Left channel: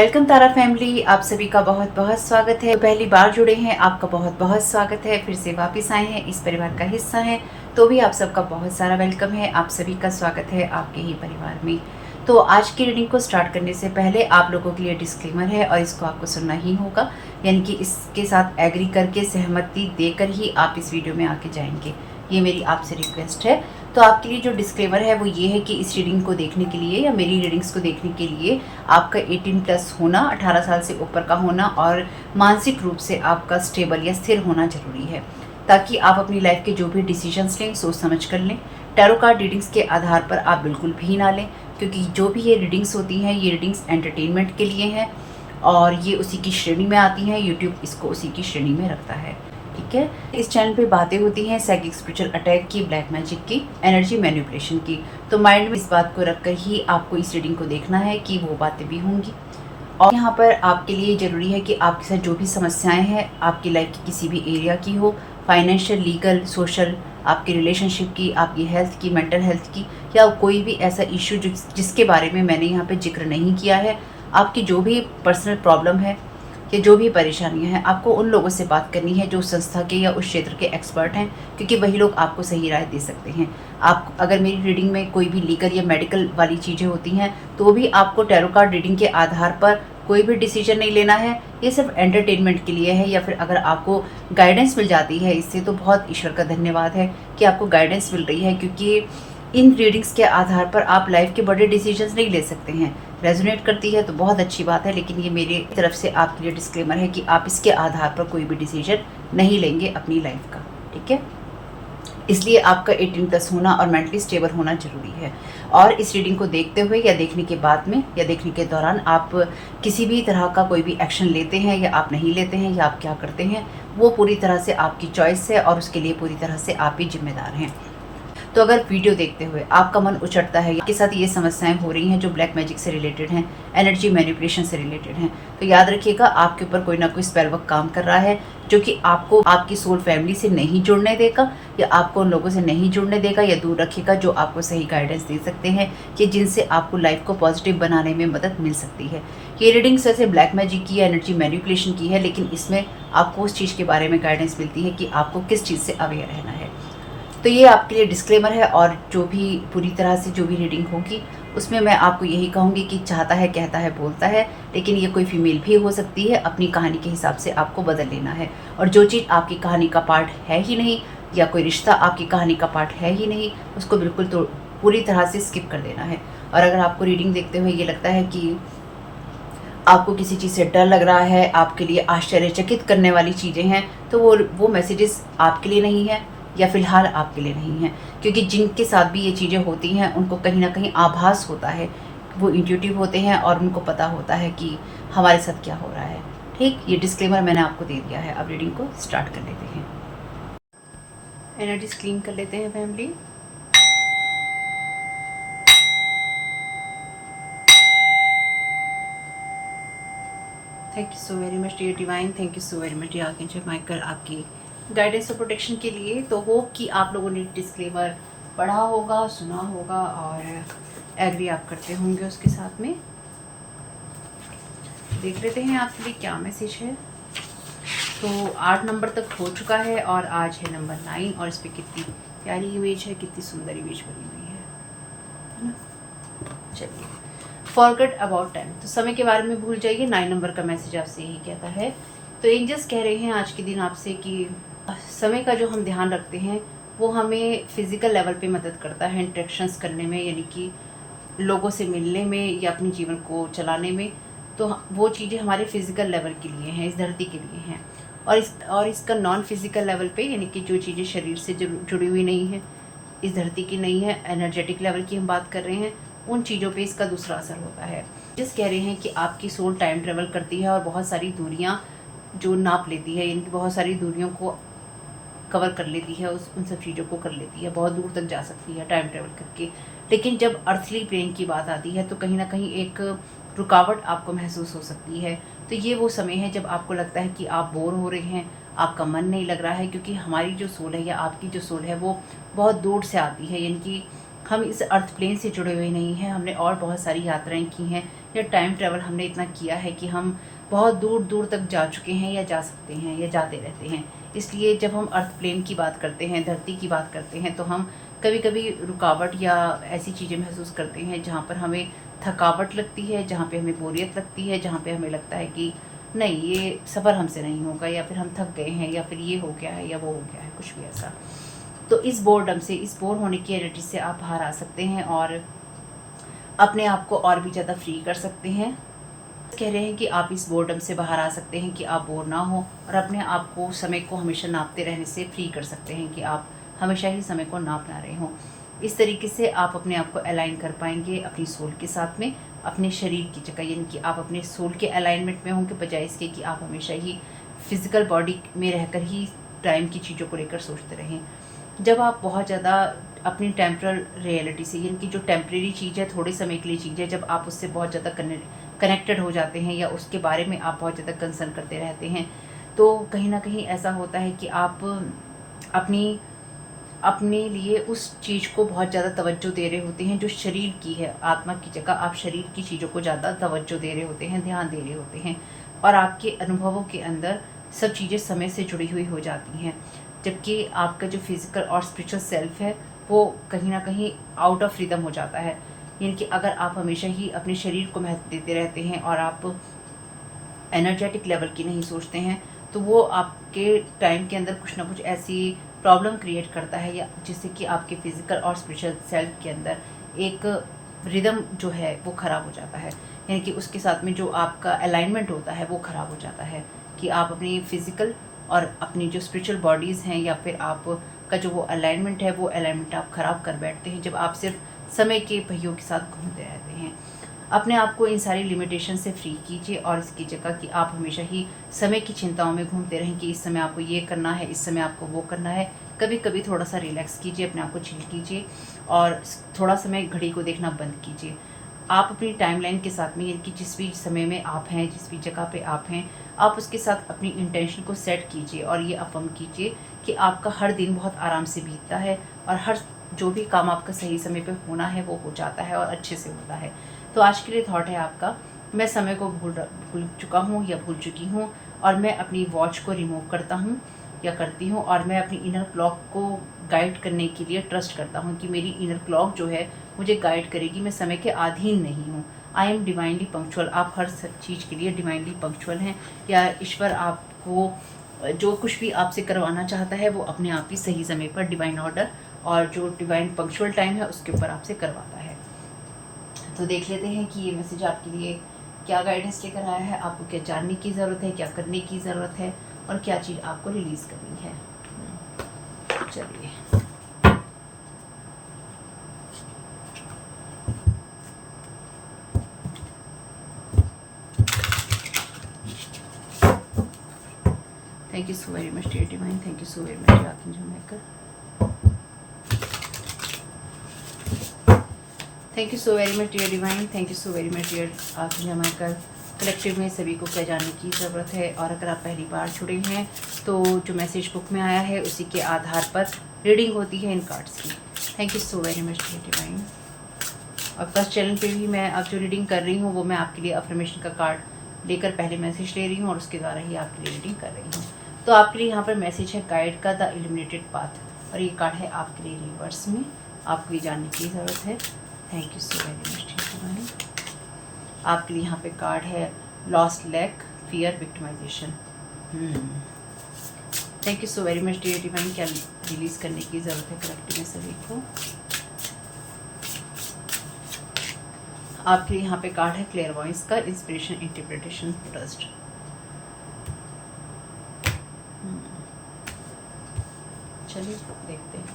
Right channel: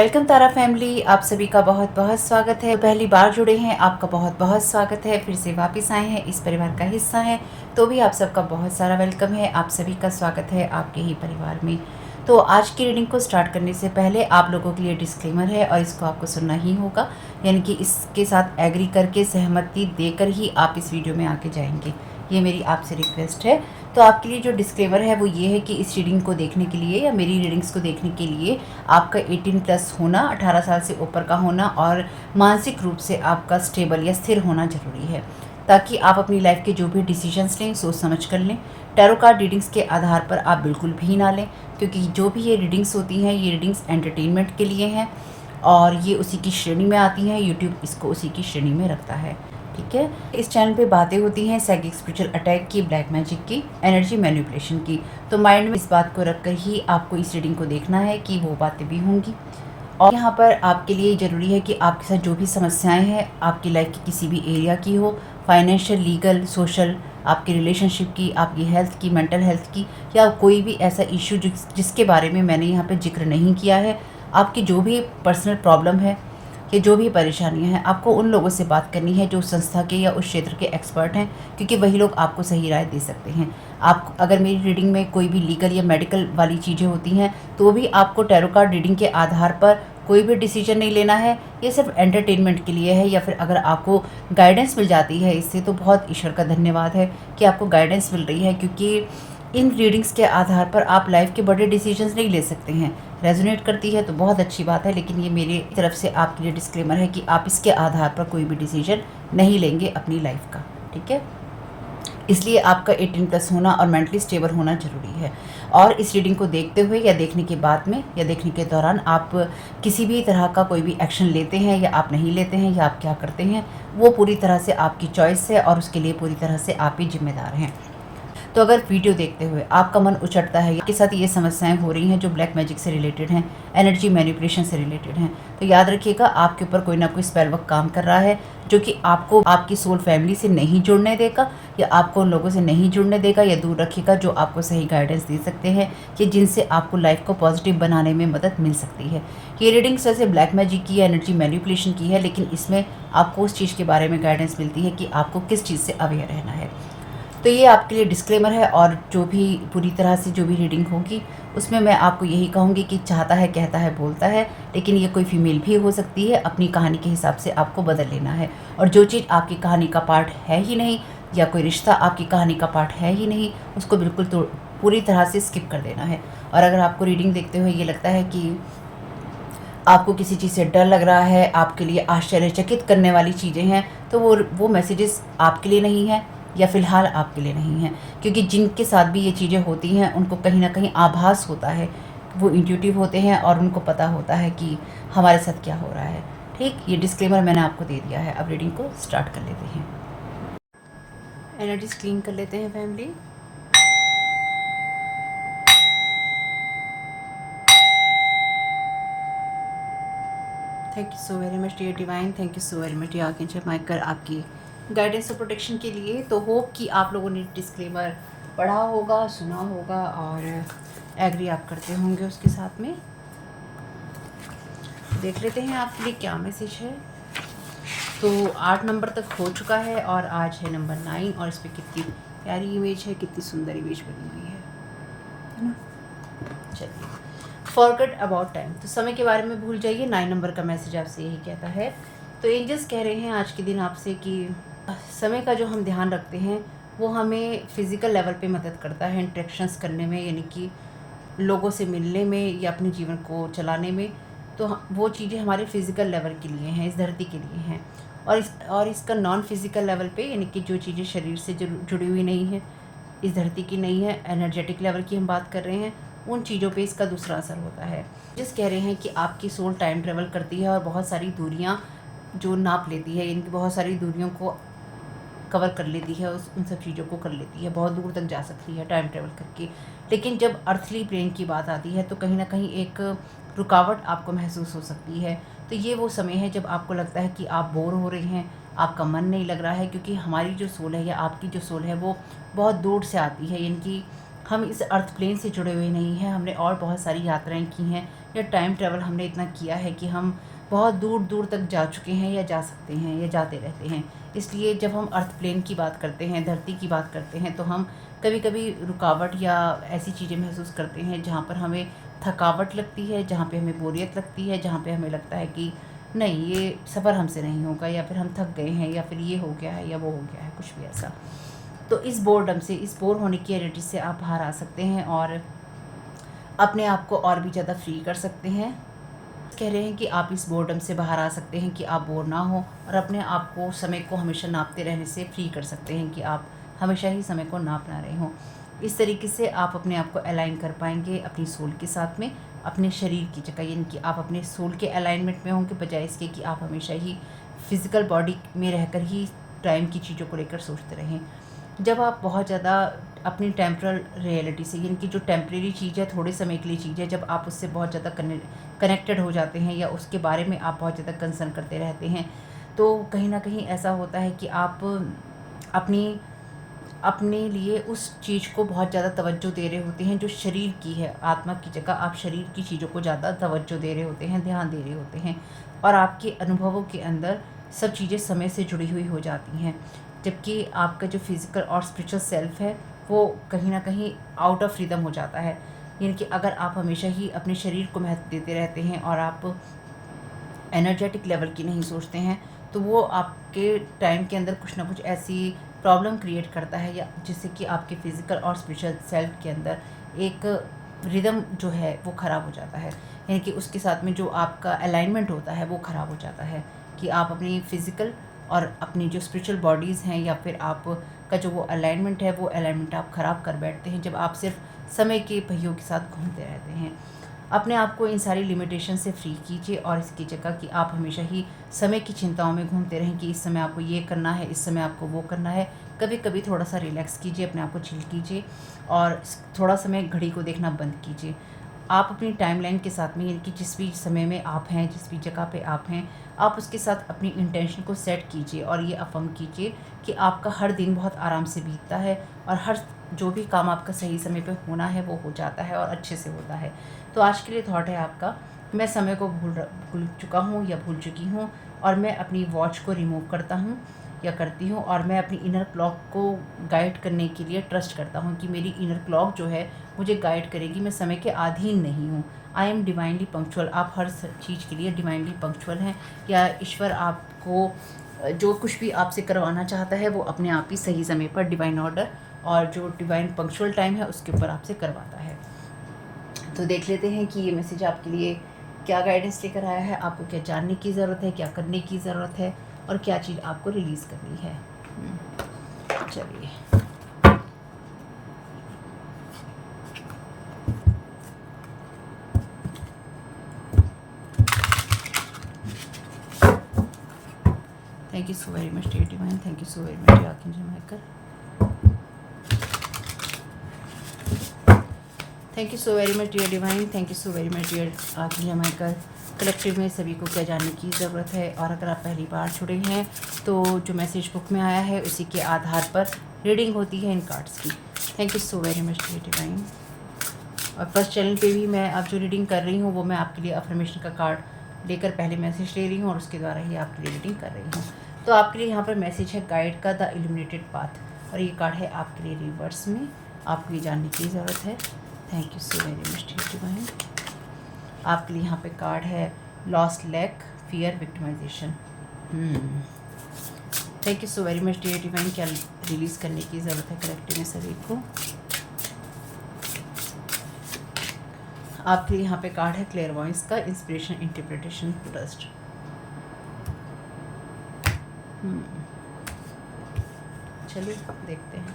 Welcome तारा family, आप सभी का बहुत बहुत स्वागत है। पहली बार जुड़े हैं, आपका बहुत बहुत स्वागत है। फिर से वापस आए हैं, इस परिवार का हिस्सा हैं, तो भी आप सबका बहुत सारा वेलकम है। आप सभी का स्वागत है आपके ही परिवार में। तो आज की रीडिंग को स्टार्ट करने से पहले आप लोगों के लिए डिस्क्लेमर है और इसको आपको सुनना ही होगा, यानी कि इसके साथ एग्री करके सहमति देकर ही आप इस वीडियो में आके जाएंगे। ये मेरी आपसे रिक्वेस्ट है। तो आपके लिए जो डिस्क्लेमर है वो ये है कि इस रीडिंग को देखने के लिए या मेरी रीडिंग्स को देखने के लिए आपका 18+ होना, 18 साल से ऊपर का होना और मानसिक रूप से आपका स्टेबल या स्थिर होना जरूरी है, ताकि आप अपनी लाइफ के जो भी डिसीजंस लें सोच समझ कर लें। टैरो कार्ड रीडिंग्स के आधार पर आप बिल्कुल भी ना लें, क्योंकि जो भी ये रीडिंग्स होती हैं ये रीडिंग्स एंटरटेनमेंट के लिए हैं और ये उसी की श्रेणी में आती हैं। यूट्यूब इसको उसी की श्रेणी में रखता है, ठीक है। इस चैनल पे बातें होती हैं साइकिक स्पिरिचुअल अटैक की, ब्लैक मैजिक की, एनर्जी मैनिपुलेशन की। तो माइंड में इस बात को रखकर ही आपको इस रीडिंग को देखना है कि वो बातें भी होंगी। और यहाँ पर आपके लिए ज़रूरी है कि आपके साथ जो भी समस्याएं हैं आपकी लाइफ की किसी भी एरिया की हो, फाइनेंशियल, लीगल, सोशल, आपकी रिलेशनशिप की, आपकी हेल्थ की, मेंटल हेल्थ की, या कोई भी ऐसा इशू जिसके बारे में मैंने यहाँ पे जिक्र नहीं किया है, आपकी जो भी पर्सनल प्रॉब्लम है या जो भी परेशानियां हैं, आपको उन लोगों से बात करनी है जो उस संस्था के या उस क्षेत्र के एक्सपर्ट हैं, क्योंकि वही लोग आपको सही राय दे सकते हैं। आप अगर मेरी रीडिंग में कोई भी लीगल या मेडिकल वाली चीज़ें होती हैं तो भी आपको टैरो कार्ड रीडिंग के आधार पर कोई भी डिसीजन नहीं लेना है। ये सिर्फ एंटरटेनमेंट के लिए है। या फिर अगर आपको गाइडेंस मिल जाती है इससे तो बहुत ईश्वर का धन्यवाद है कि आपको गाइडेंस मिल रही है, क्योंकि इन रीडिंग्स के आधार पर आप लाइफ के बड़े डिसीजंस नहीं ले सकते हैं। रेजोनेट करती है तो बहुत अच्छी बात है, लेकिन ये मेरी तरफ से आपके लिए डिस्क्लेमर है कि आप इसके आधार पर कोई भी डिसीजन नहीं लेंगे अपनी लाइफ का, ठीक है। इसलिए आपका 18+ होना और मेंटली स्टेबल होना जरूरी है। और इस रीडिंग को देखते हुए या देखने के बाद में या देखने के दौरान आप किसी भी तरह का कोई भी एक्शन लेते हैं या आप नहीं लेते हैं या आप क्या करते हैं, वो पूरी तरह से आपकी चॉइस है और उसके लिए पूरी तरह से आप ही जिम्मेदार हैं। तो अगर वीडियो देखते हुए आपका मन उचटता है, आपके साथ ये समस्याएं हो रही हैं जो ब्लैक मैजिक से रिलेटेड हैं, एनर्जी मैनिपुलेशन से रिलेटेड हैं, तो याद रखिएगा आपके ऊपर कोई ना कोई स्पेल वर्क काम कर रहा है, जो कि आपको आपकी सोल फैमिली से नहीं जुड़ने देगा या आपको उन लोगों से नहीं जुड़ने देगा या दूर रखेगा जो आपको सही गाइडेंस दे सकते हैं कि जिनसे आपको लाइफ को पॉजिटिव बनाने में मदद मिल सकती है। ये रीडिंग से ब्लैक मैजिक की, एनर्जी मैनिपुलेशन की है, लेकिन इसमें आपको उस चीज़ के बारे में गाइडेंस मिलती है कि आपको किस चीज़ से अवेयर रहना है। तो ये आपके लिए डिस्क्लेमर है। और जो भी पूरी तरह से जो भी रीडिंग होगी उसमें मैं आपको यही कहूँगी कि चाहता है, कहता है, बोलता है, लेकिन ये कोई फीमेल भी हो सकती है। अपनी कहानी के हिसाब से आपको बदल लेना है। और जो चीज़ आपकी कहानी का पार्ट है ही नहीं या कोई रिश्ता आपकी कहानी का पार्ट है ही नहीं, उसको बिल्कुल तो पूरी तरह से स्किप कर देना है। और अगर आपको रीडिंग देखते हुए ये लगता है कि आपको किसी चीज़ से डर लग रहा है, आपके लिए आश्चर्यचकित करने वाली चीज़ें हैं, तो वो मैसेजेस आपके लिए नहीं है या फिलहाल आपके लिए नहीं है। क्योंकि जिनके साथ भी ये चीज़ें होती हैं उनको कहीं ना कहीं आभास होता है, वो इंट्यूटिव होते हैं और उनको पता होता है कि हमारे साथ क्या हो रहा है। ठीक, ये डिस्क्लेमर मैंने आपको दे दिया है। अब रीडिंग को स्टार्ट कर लेते हैं। एनर्जीज क्लीन कर लेते हैं family. Thank you so very much dear divine, thank you so very much dear archangel Michael, आपकी गाइडेंस और प्रोटेक्शन के लिए। तो होप कि आप लोगों ने डिस्क्लेमर पढ़ा होगा, सुना होगा और एग्री आप करते होंगे उसके साथ में। देख लेते हैं आपके लिए क्या मैसेज है। तो 8 नंबर तक हो चुका है और आज है नंबर 9 और इस पर कितनी प्यारी इमेज है, कितनी सुंदर इमेज बनी हुई है ना। चलिए, फॉरगेट अबाउट टाइम, तो समय के बारे में भूल जाइए। 9 नंबर का मैसेज आपसे यही कहता है। तो एंजल्स कह रहे हैं आज के दिन आपसे कि समय का जो हम ध्यान रखते हैं वो हमें फिजिकल लेवल पे मदद करता है इंटरेक्शंस करने में, यानी कि लोगों से मिलने में या अपने जीवन को चलाने में। तो वो चीज़ें हमारे फिजिकल लेवल के लिए हैं, इस धरती के लिए हैं। और इसका नॉन फिजिकल लेवल पे, यानी कि जो चीज़ें शरीर से जुड़ी हुई नहीं है, इस धरती की नहीं है, एनर्जेटिक लेवल की हम बात कर रहे हैं, उन चीज़ों पे इसका दूसरा असर होता है। जिस कह रहे हैं कि आपकी सोल टाइम ट्रेवल करती है और बहुत सारी दूरियां जो नाप लेती है, इनकी बहुत सारी दूरियों को कवर कर लेती है, उन सब चीज़ों को कर लेती है, बहुत दूर तक जा सकती है टाइम ट्रेवल करके। लेकिन जब अर्थली प्लेन की बात आती है तो कहीं ना कहीं एक रुकावट आपको महसूस हो सकती है। तो ये वो समय है जब आपको लगता है कि आप बोर हो रहे हैं, आपका मन नहीं लग रहा है, क्योंकि हमारी जो सोल है या आपकी जो सोल है वो बहुत दूर से आती है, यानी कि हम इस अर्थ प्लेन से जुड़े हुए नहीं हैं। हमने और बहुत सारी यात्राएं की हैं, या टाइम ट्रैवल हमने इतना किया है कि हम बहुत दूर दूर तक जा चुके हैं, या जा सकते हैं, या जाते रहते हैं। इसलिए जब हम अर्थ प्लेन की बात करते हैं, धरती की बात करते हैं, तो हम कभी कभी रुकावट या ऐसी चीज़ें महसूस करते हैं जहाँ पर हमें थकावट लगती है, जहाँ पे हमें बोरियत लगती है, जहाँ पे हमें लगता है कि नहीं, ये सफ़र हमसे नहीं होगा, या फिर हम थक गए हैं, या फिर ये हो गया है, या वो हो गया है, कुछ भी ऐसा। तो इस बोर्डम से, इस बोर होने की एनर्जी से आप बाहर आ सकते हैं और अपने आप को और भी ज़्यादा फ्री कर सकते हैं। कह रहे हैं कि आप इस बोर्डम से बाहर आ सकते हैं कि आप बोर ना हो, और अपने आप को, समय को हमेशा नापते रहने से फ्री कर सकते हैं कि आप हमेशा ही समय को नाप ना रहे हों। इस तरीके से आप अपने आप को अलाइन कर पाएंगे अपनी सोल के साथ में, अपने शरीर की जगह, यानी कि आप अपने सोल के अलाइनमेंट में होंगे, बजाय इसके कि आप हमेशा ही फिज़िकल बॉडी में रहकर ही टाइम की चीज़ों को लेकर सोचते रहें। जब आप बहुत ज़्यादा अपनी टेम्परल रियलिटी से, यानी कि जो टेम्परेरी चीज़ है, थोड़े समय के लिए चीज़ है, जब आप उससे बहुत ज़्यादा कनेक्टेड हो जाते हैं, या उसके बारे में आप बहुत ज़्यादा कंसर्न करते रहते हैं, तो कहीं ना कहीं ऐसा होता है कि आप अपनी अपने लिए उस चीज़ को बहुत ज़्यादा तवज्जो दे रहे होते हैं जो शरीर की है। आत्मा की जगह आप शरीर की चीज़ों को ज़्यादा तवज्जो दे रहे होते हैं, ध्यान दे रहे होते हैं, और आपके अनुभवों के अंदर सब चीज़ें समय से जुड़ी हुई हो जाती हैं। जबकि आपका जो फिज़िकल और स्पिरिचुअल सेल्फ है, वो कहीं ना कहीं आउट ऑफ रिदम हो जाता है। यानी कि अगर आप हमेशा ही अपने शरीर को महत्व देते रहते हैं और आप एनर्जेटिक लेवल की नहीं सोचते हैं, तो वो आपके टाइम के अंदर कुछ ना कुछ ऐसी प्रॉब्लम क्रिएट करता है, या जिससे कि आपके फिज़िकल और स्पिरिचुअल सेल्फ के अंदर एक रिदम जो है वो ख़राब हो जाता है। यानी कि उसके साथ में जो आपका अलाइनमेंट होता है वो ख़राब हो जाता है, कि आप अपनी फ़िज़िकल और अपनी जो स्पिरिचुअल बॉडीज़ हैं, या फिर आपका जो वो अलाइनमेंट है, वो अलाइनमेंट आप ख़राब कर बैठते हैं जब आप सिर्फ समय के पहियों के साथ घूमते रहते हैं। अपने आप को इन सारी लिमिटेशन से फ्री कीजिए, और इसकी जगह कि आप हमेशा ही समय की चिंताओं में घूमते रहें कि इस समय आपको ये करना है, इस समय आपको वो करना है। कभी कभी थोड़ा सा रिलैक्स कीजिए, अपने आप को चिल कीजिए, और थोड़ा समय घड़ी को देखना बंद कीजिए। आप अपनी टाइमलाइन के साथ में, यानी कि जिस भी समय में आप हैं, जिस भी जगह पे आप हैं, आप उसके साथ अपनी इंटेंशन को सेट कीजिए, और ये अफर्म कीजिए कि आपका हर दिन बहुत आराम से बीतता है, और हर जो भी काम आपका सही समय पे होना है वो हो जाता है, और अच्छे से होता है। तो आज के लिए थॉट है आपका, मैं समय को भूल चुका हूँ या भूल चुकी हूँ, और मैं अपनी वॉच को रिमूव करता हूँ या करती हूँ, और मैं अपनी इनर क्लॉक को गाइड करने के लिए ट्रस्ट करता हूँ कि मेरी इनर क्लॉक जो है मुझे गाइड करेगी, मैं समय के अधीन नहीं हूँ। I am divinely punctual. आप हर चीज़ के लिए डिवाइनली पंक्चुअल हैं, या ईश्वर आपको जो कुछ भी आपसे करवाना चाहता है वो अपने आप ही सही समय पर डिवाइन ऑर्डर और जो डिवाइन पंक्चुअल टाइम है उसके ऊपर आपसे करवाता है। तो देख लेते हैं कि ये मैसेज आपके लिए क्या गाइडेंस लेकर आया है, आपको क्या जानने की ज़रूरत है, क्या करने की ज़रूरत है, और क्या चीज़ आपको रिलीज़ करनी है। चलिए, thank you so very much dear divine, thank you so very much dear archangel Michael, thank you so very much dear divine, thank you so very much dear archangel Michael. Collective में सभी को क्या जानने की ज़रूरत है, और अगर आप पहली बार जुड़े हैं तो जो मैसेज बुक में आया है उसी के आधार पर रीडिंग होती है इन कार्ड्स की। Thank you so very much dear divine. और फर्स्ट चैनल पे भी मैं अब जो रीडिंग कर रही हूँ वो मैं आपके लिए अफर्मेशन का कार्ड लेकर पहले मैसेज ले रही हूँ, और उसके द्वारा ही आपके लिए रीडिंग कर रही हूँ। तो आपके लिए यहाँ पर मैसेज है गाइड का, द इल्यूमिनेटेड पाथ, और ये कार्ड है आपके लिए रिवर्स में। आपको ये जानने की ज़रूरत है। Thank you so very much dear divine. आपके लिए यहाँ पे कार्ड है lost lack, fear, victimisation. Thank you so very much dear divine. क्या रिलीज़ करने की ज़रूरत है कलेक्टिवली सभी को। आपके लिए यहाँ पे कार्ड है क्लेयरवॉयंस का, इंस्पिरेशन, इंटरप्रिटेशन, ट्रस्ट। चलिए देखते हैं,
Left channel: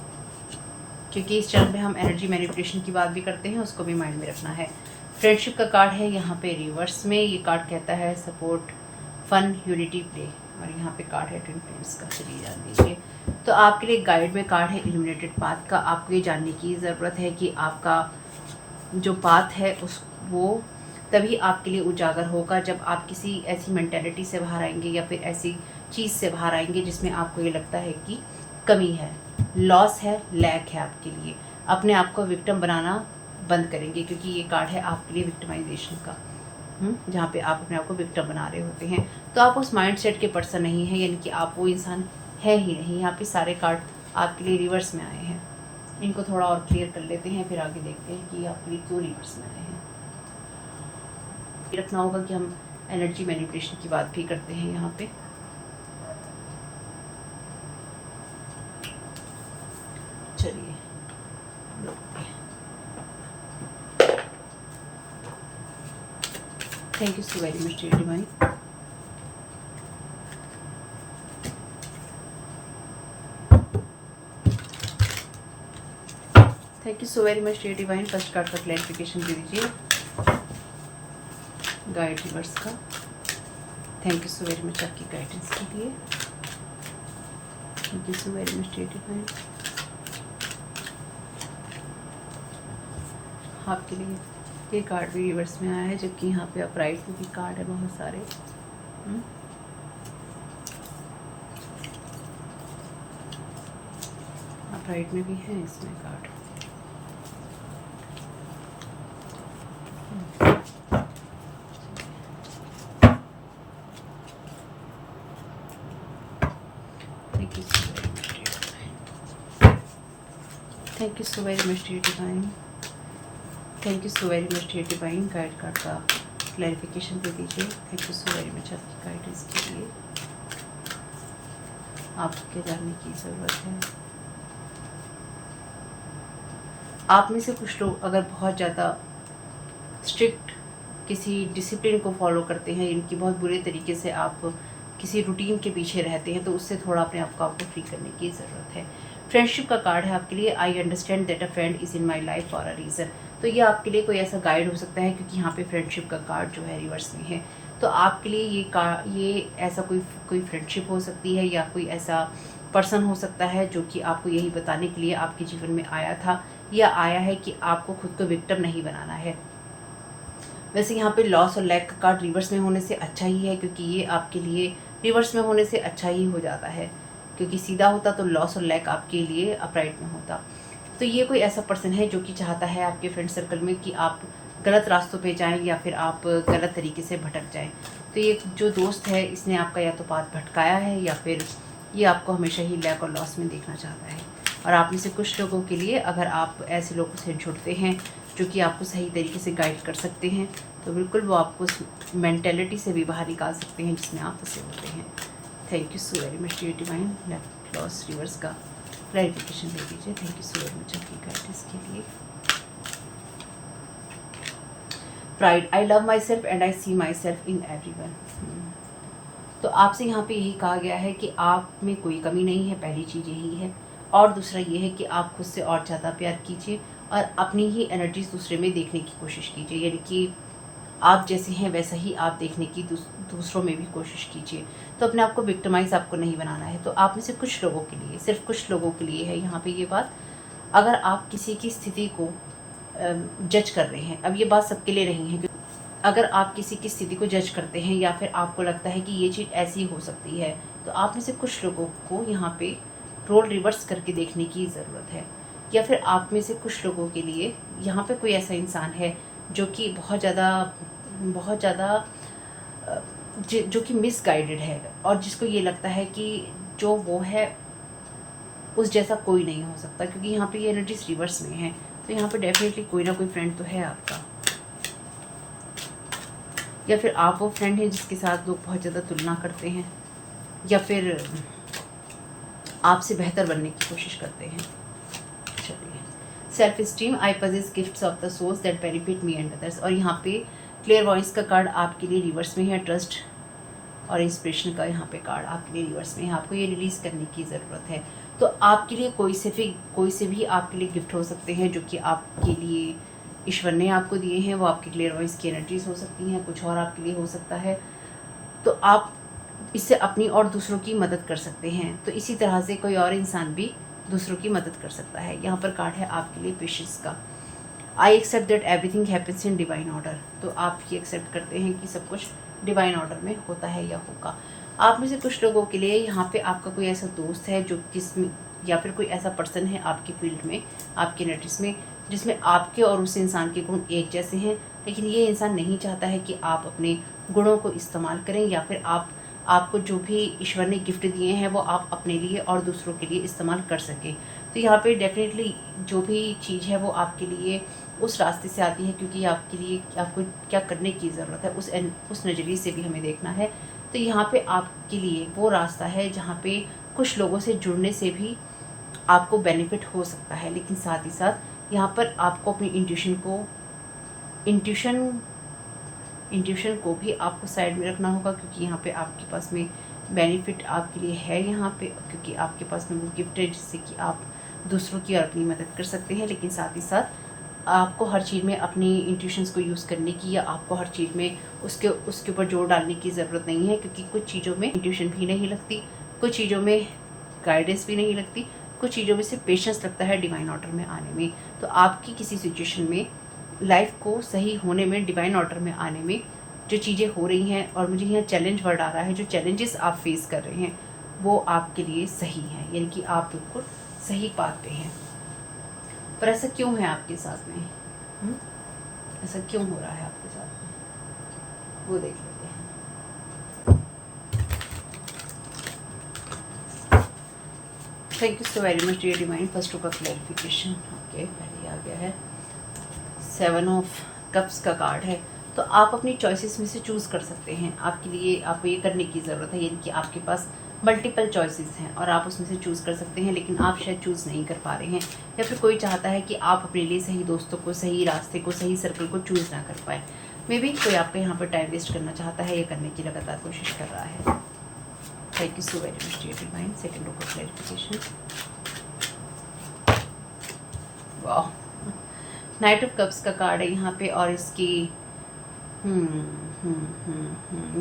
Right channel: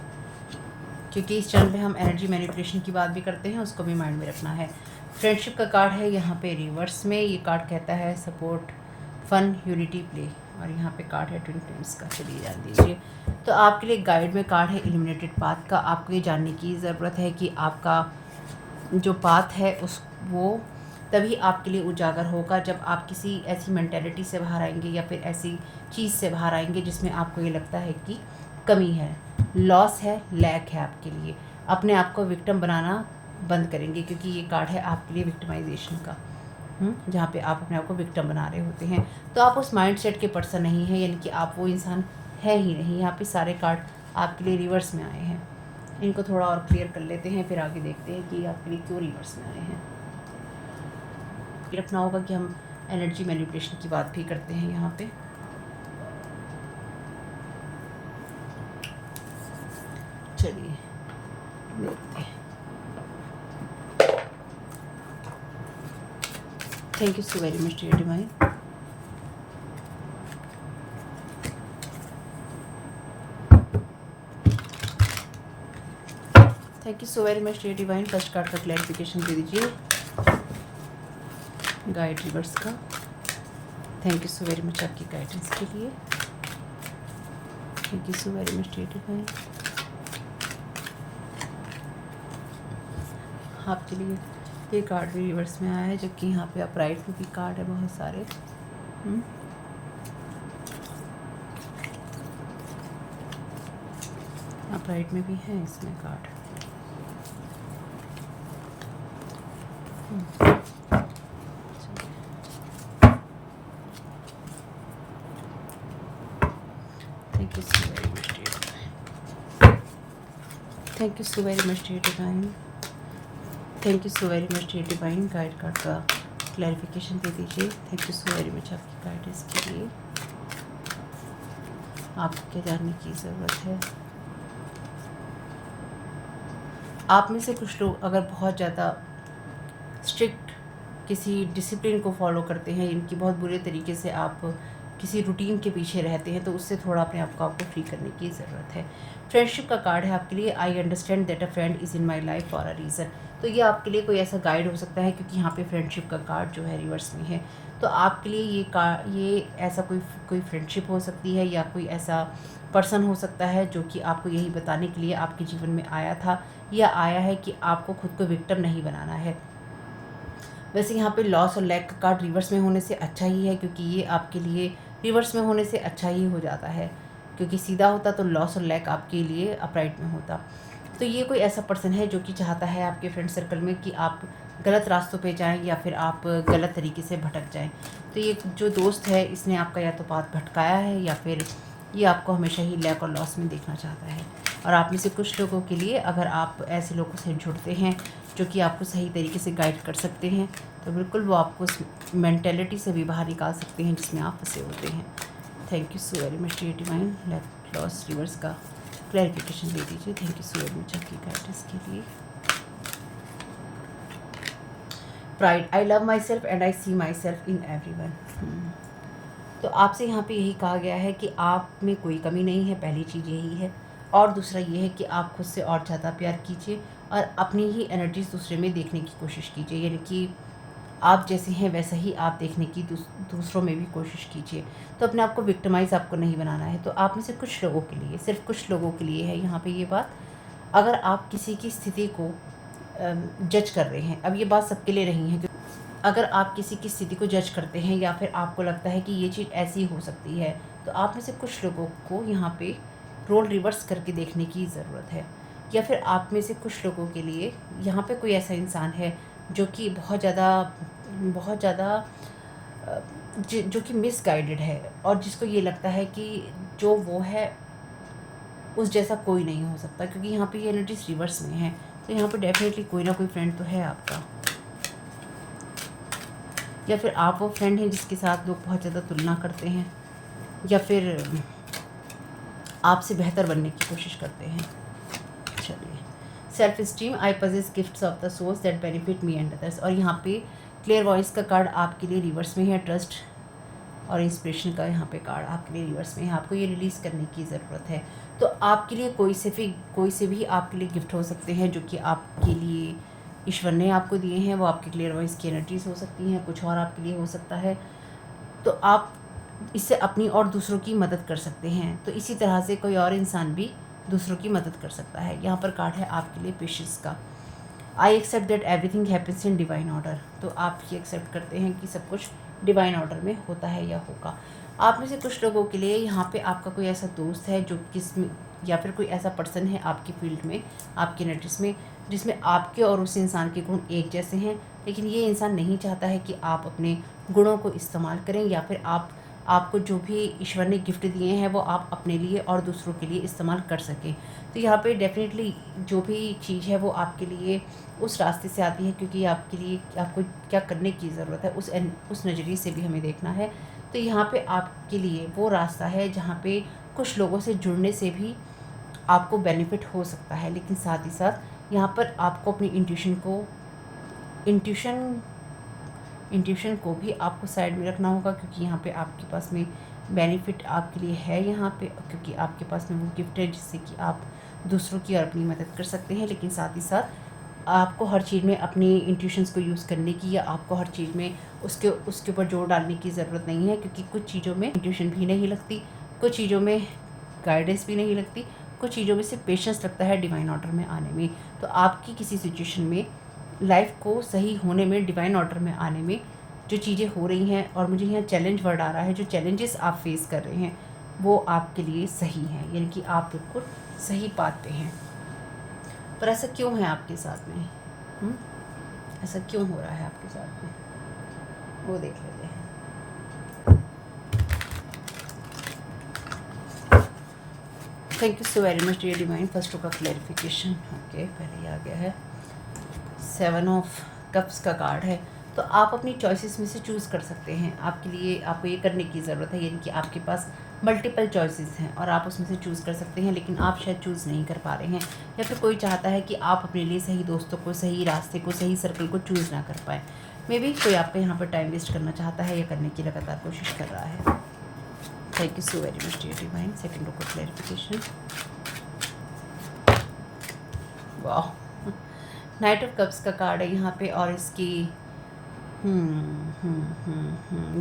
क्योंकि इस चैनल में हम एनर्जी मैनिपुलेशन की बात भी करते हैं, उसको भी माइंड में रखना है। फ्रेंडशिप का कार्ड है यहाँ पे रिवर्स में। ये कार्ड कहता है सपोर्ट, फन, यूनिटी, प्ले, और यहाँ पे कार्ड है ट्विन फ्लेम्स का। चलिए जान दीजिए। तो आपके लिए गाइड में कार्ड है इल्यूमिनेटेड पाथ का। आपको ये जानने की ज़रूरत है कि आपका जो पाथ है उस वो तभी आपके लिए उजागर होगा जब आप किसी ऐसी मेंटेलिटी से बाहर आएंगे, या फिर ऐसी चीज़ से बाहर आएंगे जिसमें आपको ये लगता है कि कमी है, लॉस है, लैक है आपके लिए। अपने आप को विक्टिम बनाना बंद करेंगे, क्योंकि ये कार्ड है आपके लिए विक्टिमाइजेशन का, जहाँ पे आप अपने आप को विक्टिम बना रहे होते हैं। तो आप उस माइंड सेट के पर्सन नहीं हैं, यानी कि आप वो इंसान है ही नहीं। यहाँ पे सारे कार्ड आपके लिए रिवर्स में आए हैं। इनको थोड़ा और क्लियर कर लेते हैं, फिर आगे देखते हैं कि आपके लिए क्यों रिवर्स में आए हैं। रखना होगा कि हम एनर्जी मैनिपुलेशन की बात भी करते हैं यहाँ पे। चलिए देखते हैं। Thank you so very much dear divine. Thank you so very much dear divine. First card का क्लैरिफिकेशन दे दीजिए गाइड रिवर्स का। Thank you so very much आपकी गाइडेंस के लिए। Thank you so very much dear divine. आपके लिए ये कार्ड भी रिवर्स में आया है, जबकि यहाँ पे अपराइट में भी कार्ड है बहुत सारे। अपराइट में भी है इसमें card. Thank you so very much dear divine. Thank you so very much dear divine. Thank you so very much dear divine. Guide card का क्लैरिफिकेशन दे दीजिए। Thank you so very much आपकी guidance के लिए। आपको क्या जानने की ज़रूरत है? आप में से कुछ लोग अगर बहुत ज़्यादा स्ट्रिक्ट किसी डिसिप्लिन को फॉलो करते हैं, इनकी बहुत बुरे तरीके से आप किसी रूटीन के पीछे रहते हैं, तो उससे थोड़ा अपने आप को आपको फ्री करने की ज़रूरत है। फ्रेंडशिप का कार्ड है आपके लिए। I understand that a friend is in my life for a reason. तो ये आपके लिए कोई ऐसा गाइड हो सकता है, क्योंकि यहाँ पे फ्रेंडशिप का कार्ड जो है रिवर्स में है। तो आपके लिए ये ऐसा कोई फ्रेंडशिप हो सकती है, या कोई ऐसा पर्सन हो सकता है जो कि आपको यही बताने के लिए आपके जीवन में आया था, या आया है कि आपको खुद को विक्टिम नहीं बनाना है। वैसे यहाँ पे लॉस और लैक का कार्ड रिवर्स में होने से अच्छा ही है, क्योंकि ये आपके लिए रिवर्स में होने से अच्छा ही हो जाता है, क्योंकि सीधा होता तो लॉस और लैक आपके लिए अपराइट में होता। तो ये कोई ऐसा पर्सन है जो कि चाहता है आपके फ्रेंड सर्कल में कि आप गलत रास्तों पे जाएं, या फिर आप गलत तरीके से भटक जाएं। तो ये जो दोस्त है, इसने आपका या तो पाथ भटकाया है, या फिर ये आपको हमेशा ही लैक और लॉस में देखना चाहता है। और आप में से कुछ लोगों के लिए, अगर आप ऐसे लोगों से जुड़ते हैं जो कि आपको सही तरीके से गाइड कर सकते हैं, तो बिल्कुल वो आपको उस मेंटेलिटी से भी बाहर निकाल सकते हैं जिसमें आप फंसे होते हैं। Thank you so very much dear divine. Left loss reverse का क्लैरिफिकेशन दे दीजिए। Thank you so very much आपकी गाइडेंस के लिए। Pride, I love myself and I see myself in everyone. तो आपसे यहाँ पे यही कहा गया है कि आप में कोई कमी नहीं है, पहली चीज़ यही है। और दूसरा ये है कि आप खुद से और ज़्यादा प्यार कीजिए, और अपनी ही एनर्जीज दूसरे में देखने की कोशिश कीजिए, यानी कि आप जैसे हैं वैसा ही आप देखने की दूसरों में भी कोशिश कीजिए। तो अपने आप को विक्टिमाइज आपको नहीं बनाना है। तो आप में से कुछ लोगों के लिए, सिर्फ कुछ लोगों के लिए है यहाँ पे ये बात। अगर आप किसी की स्थिति को जज कर रहे हैं, अब ये बात सबके लिए नहीं है, अगर आप किसी की स्थिति को जज करते हैं, या फिर आपको लगता है कि ये चीज़ ऐसी हो सकती है, तो आप में से कुछ लोगों को यहाँ पे रोल रिवर्स करके देखने की ज़रूरत है। या फिर आप में से कुछ लोगों के लिए यहाँ पे कोई ऐसा इंसान है जो कि बहुत ज़्यादा जो कि मिसगाइडेड है, और जिसको ये लगता है कि जो वो है उस जैसा कोई नहीं हो सकता, क्योंकि यहाँ पे ये एनर्जीज रिवर्स में है। तो यहाँ पे डेफिनेटली कोई ना कोई फ्रेंड तो है आपका, या फिर आप वो फ्रेंड हैं जिसके साथ लोग बहुत ज़्यादा तुलना करते हैं, या फिर आपसे बेहतर बनने की कोशिश करते हैं। चलिए, self esteem, I possess gifts of the souls that benefit me and others. और यहाँ पे क्लियर वॉइस का कार्ड आपके लिए रिवर्स में है। ट्रस्ट और इंस्पिरेशन का यहाँ पे कार्ड आपके लिए रिवर्स में है। आपको ये रिलीज़ करने की ज़रूरत है। तो आपके लिए कोई से भी आपके लिए गिफ्ट हो सकते हैं जो कि आपके लिए ईश्वर ने आपको दिए हैं। वो आपकी क्लियर वॉइस की एनर्जीज हो सकती हैं, कुछ और आपके लिए हो सकता है। तो आप इससे अपनी और दूसरों की मदद कर सकते हैं। तो इसी तरह से कोई और इंसान भी दूसरों की मदद कर सकता है। यहाँ पर कार्ड है आपके लिए पेशेंस का। I accept that everything happens in divine order. तो आप ये एक्सेप्ट करते हैं कि सब कुछ डिवाइन ऑर्डर में होता है या होगा। आप में से कुछ लोगों के लिए यहाँ पे आपका कोई ऐसा दोस्त है जो या फिर कोई ऐसा पर्सन है आपकी फील्ड में, आपकी एनर्जीज में, जिसमें आपके और उस इंसान के गुण एक जैसे हैं, लेकिन ये इंसान नहीं चाहता है कि आप अपने गुणों को इस्तेमाल करें, या फिर आपको जो भी ईश्वर ने गिफ्ट दिए हैं वो आप अपने लिए और दूसरों के लिए इस्तेमाल कर सकें। तो यहाँ पे डेफिनेटली जो भी चीज़ है वो आपके लिए उस रास्ते से आती है, क्योंकि आपके लिए आपको क्या करने की ज़रूरत है उस नज़रिए से भी हमें देखना है। तो यहाँ पे आपके लिए वो रास्ता है जहाँ पे कुछ लोगों से जुड़ने से भी आपको बेनिफिट हो सकता है, लेकिन साथ ही साथ यहाँ पर आपको अपनी इंट्यूशन को भी आपको साइड में रखना होगा, क्योंकि यहाँ पे आपके पास में बेनिफिट आपके लिए है यहाँ पे, क्योंकि आपके पास में वो गिफ्ट है जिससे कि आप दूसरों की और अपनी मदद कर सकते हैं। लेकिन साथ ही साथ आपको हर चीज़ में अपनी इंट्यूशंस को यूज़ करने की, या आपको हर चीज़ में उसके ऊपर जोर डालने की ज़रूरत नहीं है, क्योंकि कुछ चीज़ों में इंट्यूशन भी नहीं लगती, कुछ चीज़ों में गाइडेंस भी नहीं लगती, कुछ चीज़ों में सिर्फ पेशेंस लगता है डिवाइन ऑर्डर में आने में। तो आपकी किसी सिचुएशन में लाइफ को सही होने में, डिवाइन ऑर्डर में आने में जो चीज़ें हो रही हैं, और मुझे यहाँ चैलेंज वर्ड आ रहा है, जो चैलेंजेस आप फेस कर रहे हैं वो आपके लिए सही हैं, यानी कि आप बिल्कुल सही बात पे हैं। पर ऐसा क्यों है आपके साथ में? ऐसा क्यों हो रहा है आपके साथ में, वो देख लेते हैं। Thank you so very much dear divine. First का क्लैरिफिकेशन, ओके, पहले आ गया है 7 ऑफ कप्स का कार्ड है। तो आप अपनी चॉइसेस में से चूज़ कर सकते हैं। आपके लिए आपको ये करने की ज़रूरत है, यानी कि आपके पास मल्टीपल चॉइसेस हैं और आप उसमें से चूज़ कर सकते हैं, लेकिन आप शायद चूज़ नहीं कर पा रहे हैं, या फिर कोई चाहता है कि आप अपने लिए सही दोस्तों को, सही रास्ते को, सही सर्कल को चूज़ ना कर पाए। मे बी कोई आपका यहाँ पर टाइम वेस्ट करना चाहता है या करने की लगातार कोशिश कर रहा है। Thank you so very much dear divine. Second of clarification, वाह, नाइट ऑफ कप्स का कार्ड है यहाँ पे, और इसकी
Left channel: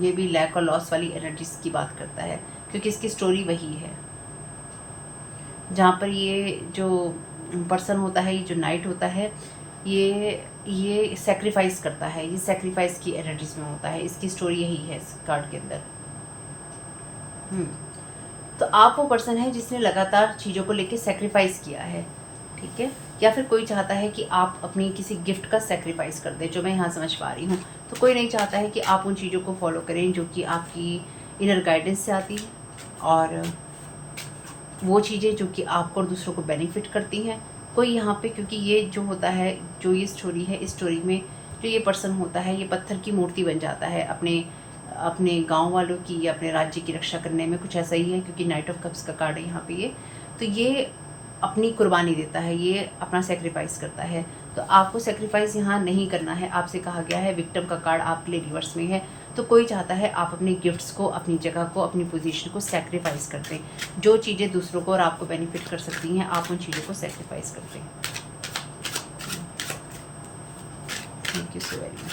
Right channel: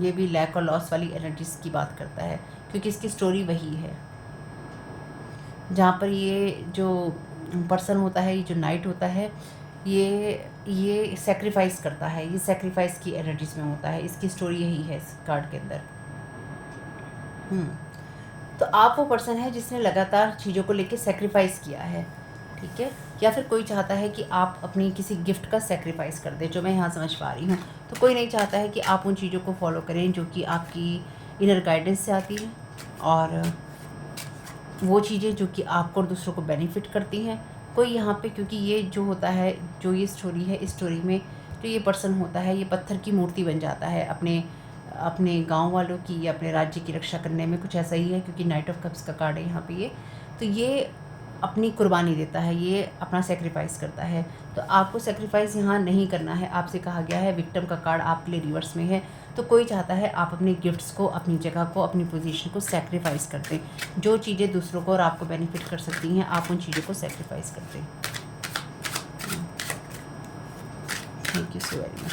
ये भी लैक और लॉस वाली एनर्जीज की बात करता है, क्योंकि इसकी स्टोरी वही है जहाँ पर ये जो पर्सन होता है, ये जो नाइट होता है, ये सेक्रीफाइस करता है, ये सेक्रीफाइस की एनर्जीज में होता है। इसकी स्टोरी यही है इस कार्ड के अंदर। तो आप वो पर्सन है जिसने लगातार चीज़ों को लेके सेक्रीफाइस किया है, ठीक है, या फिर कोई चाहता है कि आप अपनी किसी गिफ्ट का सेक्रीफाइस कर दें, जो मैं यहाँ समझ पा रही हूँ। तो कोई नहीं चाहता है कि आप उन चीज़ों को फॉलो करें जो कि आपकी इनर गाइडेंस से आती है, और वो चीज़ें जो कि आपको और दूसरों को बेनिफिट करती हैं। कोई यहाँ पे, क्योंकि ये जो होता है, जो ये स्टोरी है, इस स्टोरी में जो ये पर्सन होता है, ये पत्थर की मूर्ति बन जाता है अपने गांव वालों की या अपने राज्य की रक्षा करने में। कुछ ऐसा ही है, क्योंकि नाइट ऑफ कप्स का कार्ड है यहाँ पे ये। तो ये अपनी कुर्बानी देता है, ये अपना सेक्रीफाइस करता है। तो आपको सेक्रीफाइस यहाँ नहीं करना है, आपसे कहा गया है। विक्टिम का कार्ड आपके लिए रिवर्स में है। तो कोई चाहता है आप अपने गिफ्ट्स को, अपनी जगह को, अपनी पोजीशन को सेक्रीफाइस कर दें। जो चीज़ें दूसरों को और आपको बेनिफिट कर सकती हैं, आप उन चीज़ों को सेक्रीफाइस कर दें। Thank you so very much.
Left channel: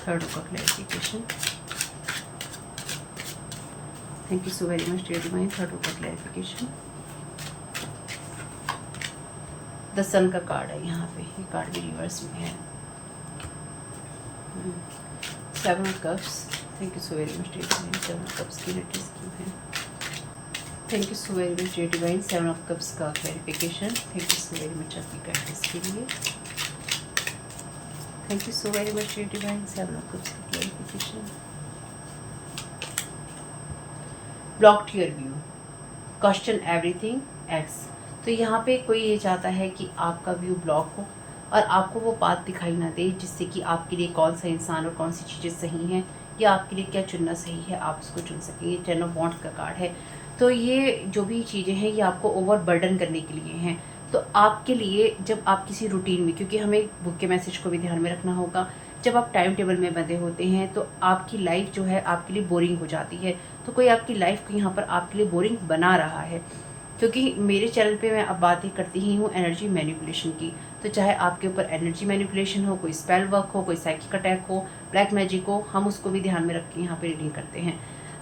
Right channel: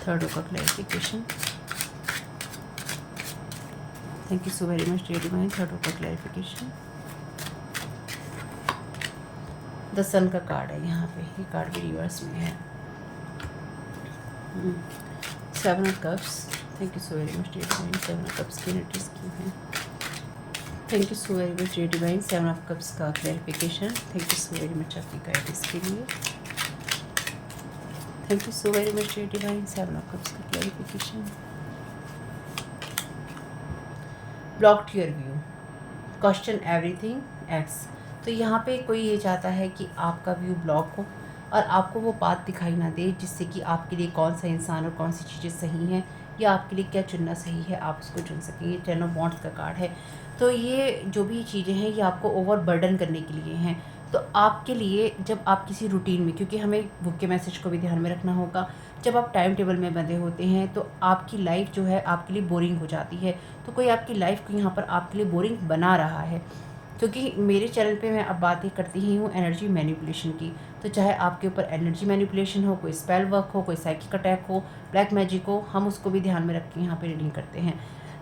Third का clarification, thank you so very much dear divine. Third का क्लैरिफिकेशन, द सन का कार्ड है यहाँ पे, ये कार्ड भी रिवर्स में है। 7 cups, thank you so very much dear divine. 7 cups की एनर्जीज क्यों है? Thank you so very much dear divine. 7 of cups का clarification, thank you so very much आपकी गाइडेंस के लिए। Thank you so very much dear divine. 7 of cups की clarification, blocked your view, question everything else. तो यहाँ पे कोई ये चाहता है कि आपका व्यू ब्लॉक हो और आपको वो बात दिखाई ना दे, जिससे कि आपके लिए कौन सा इंसान और कौन सी चीज़ें सही हैं, या आपके लिए क्या चुनना सही है, आप उसको चुन सकें। ये 10 ऑफ वॉन्ड्स का कार्ड है। तो ये जो भी चीज़ें हैं, ये आपको ओवर बर्डन करने के लिए हैं। तो आपके लिए, जब आप किसी रूटीन में, क्योंकि हमें बुक के मैसेज को भी ध्यान में रखना होगा, जब आप टाइम टेबल में बंधे होते हैं तो आपकी लाइफ जो है आपके लिए बोरिंग हो जाती है। तो कोई आपकी लाइफ को यहाँ पर आपके लिए बोरिंग बना रहा है, क्योंकि मेरे चैनल पे मैं अब बातें करती ही हूँ एनर्जी मैनिपुलेशन की। तो चाहे आपके ऊपर एनर्जी मैनिपुलेशन हो, कोई स्पेल वर्क हो, कोई साइकिक अटैक हो, ब्लैक मैजिक हो, हम उसको भी ध्यान में रख के यहाँ पे रीडिंग करते हैं।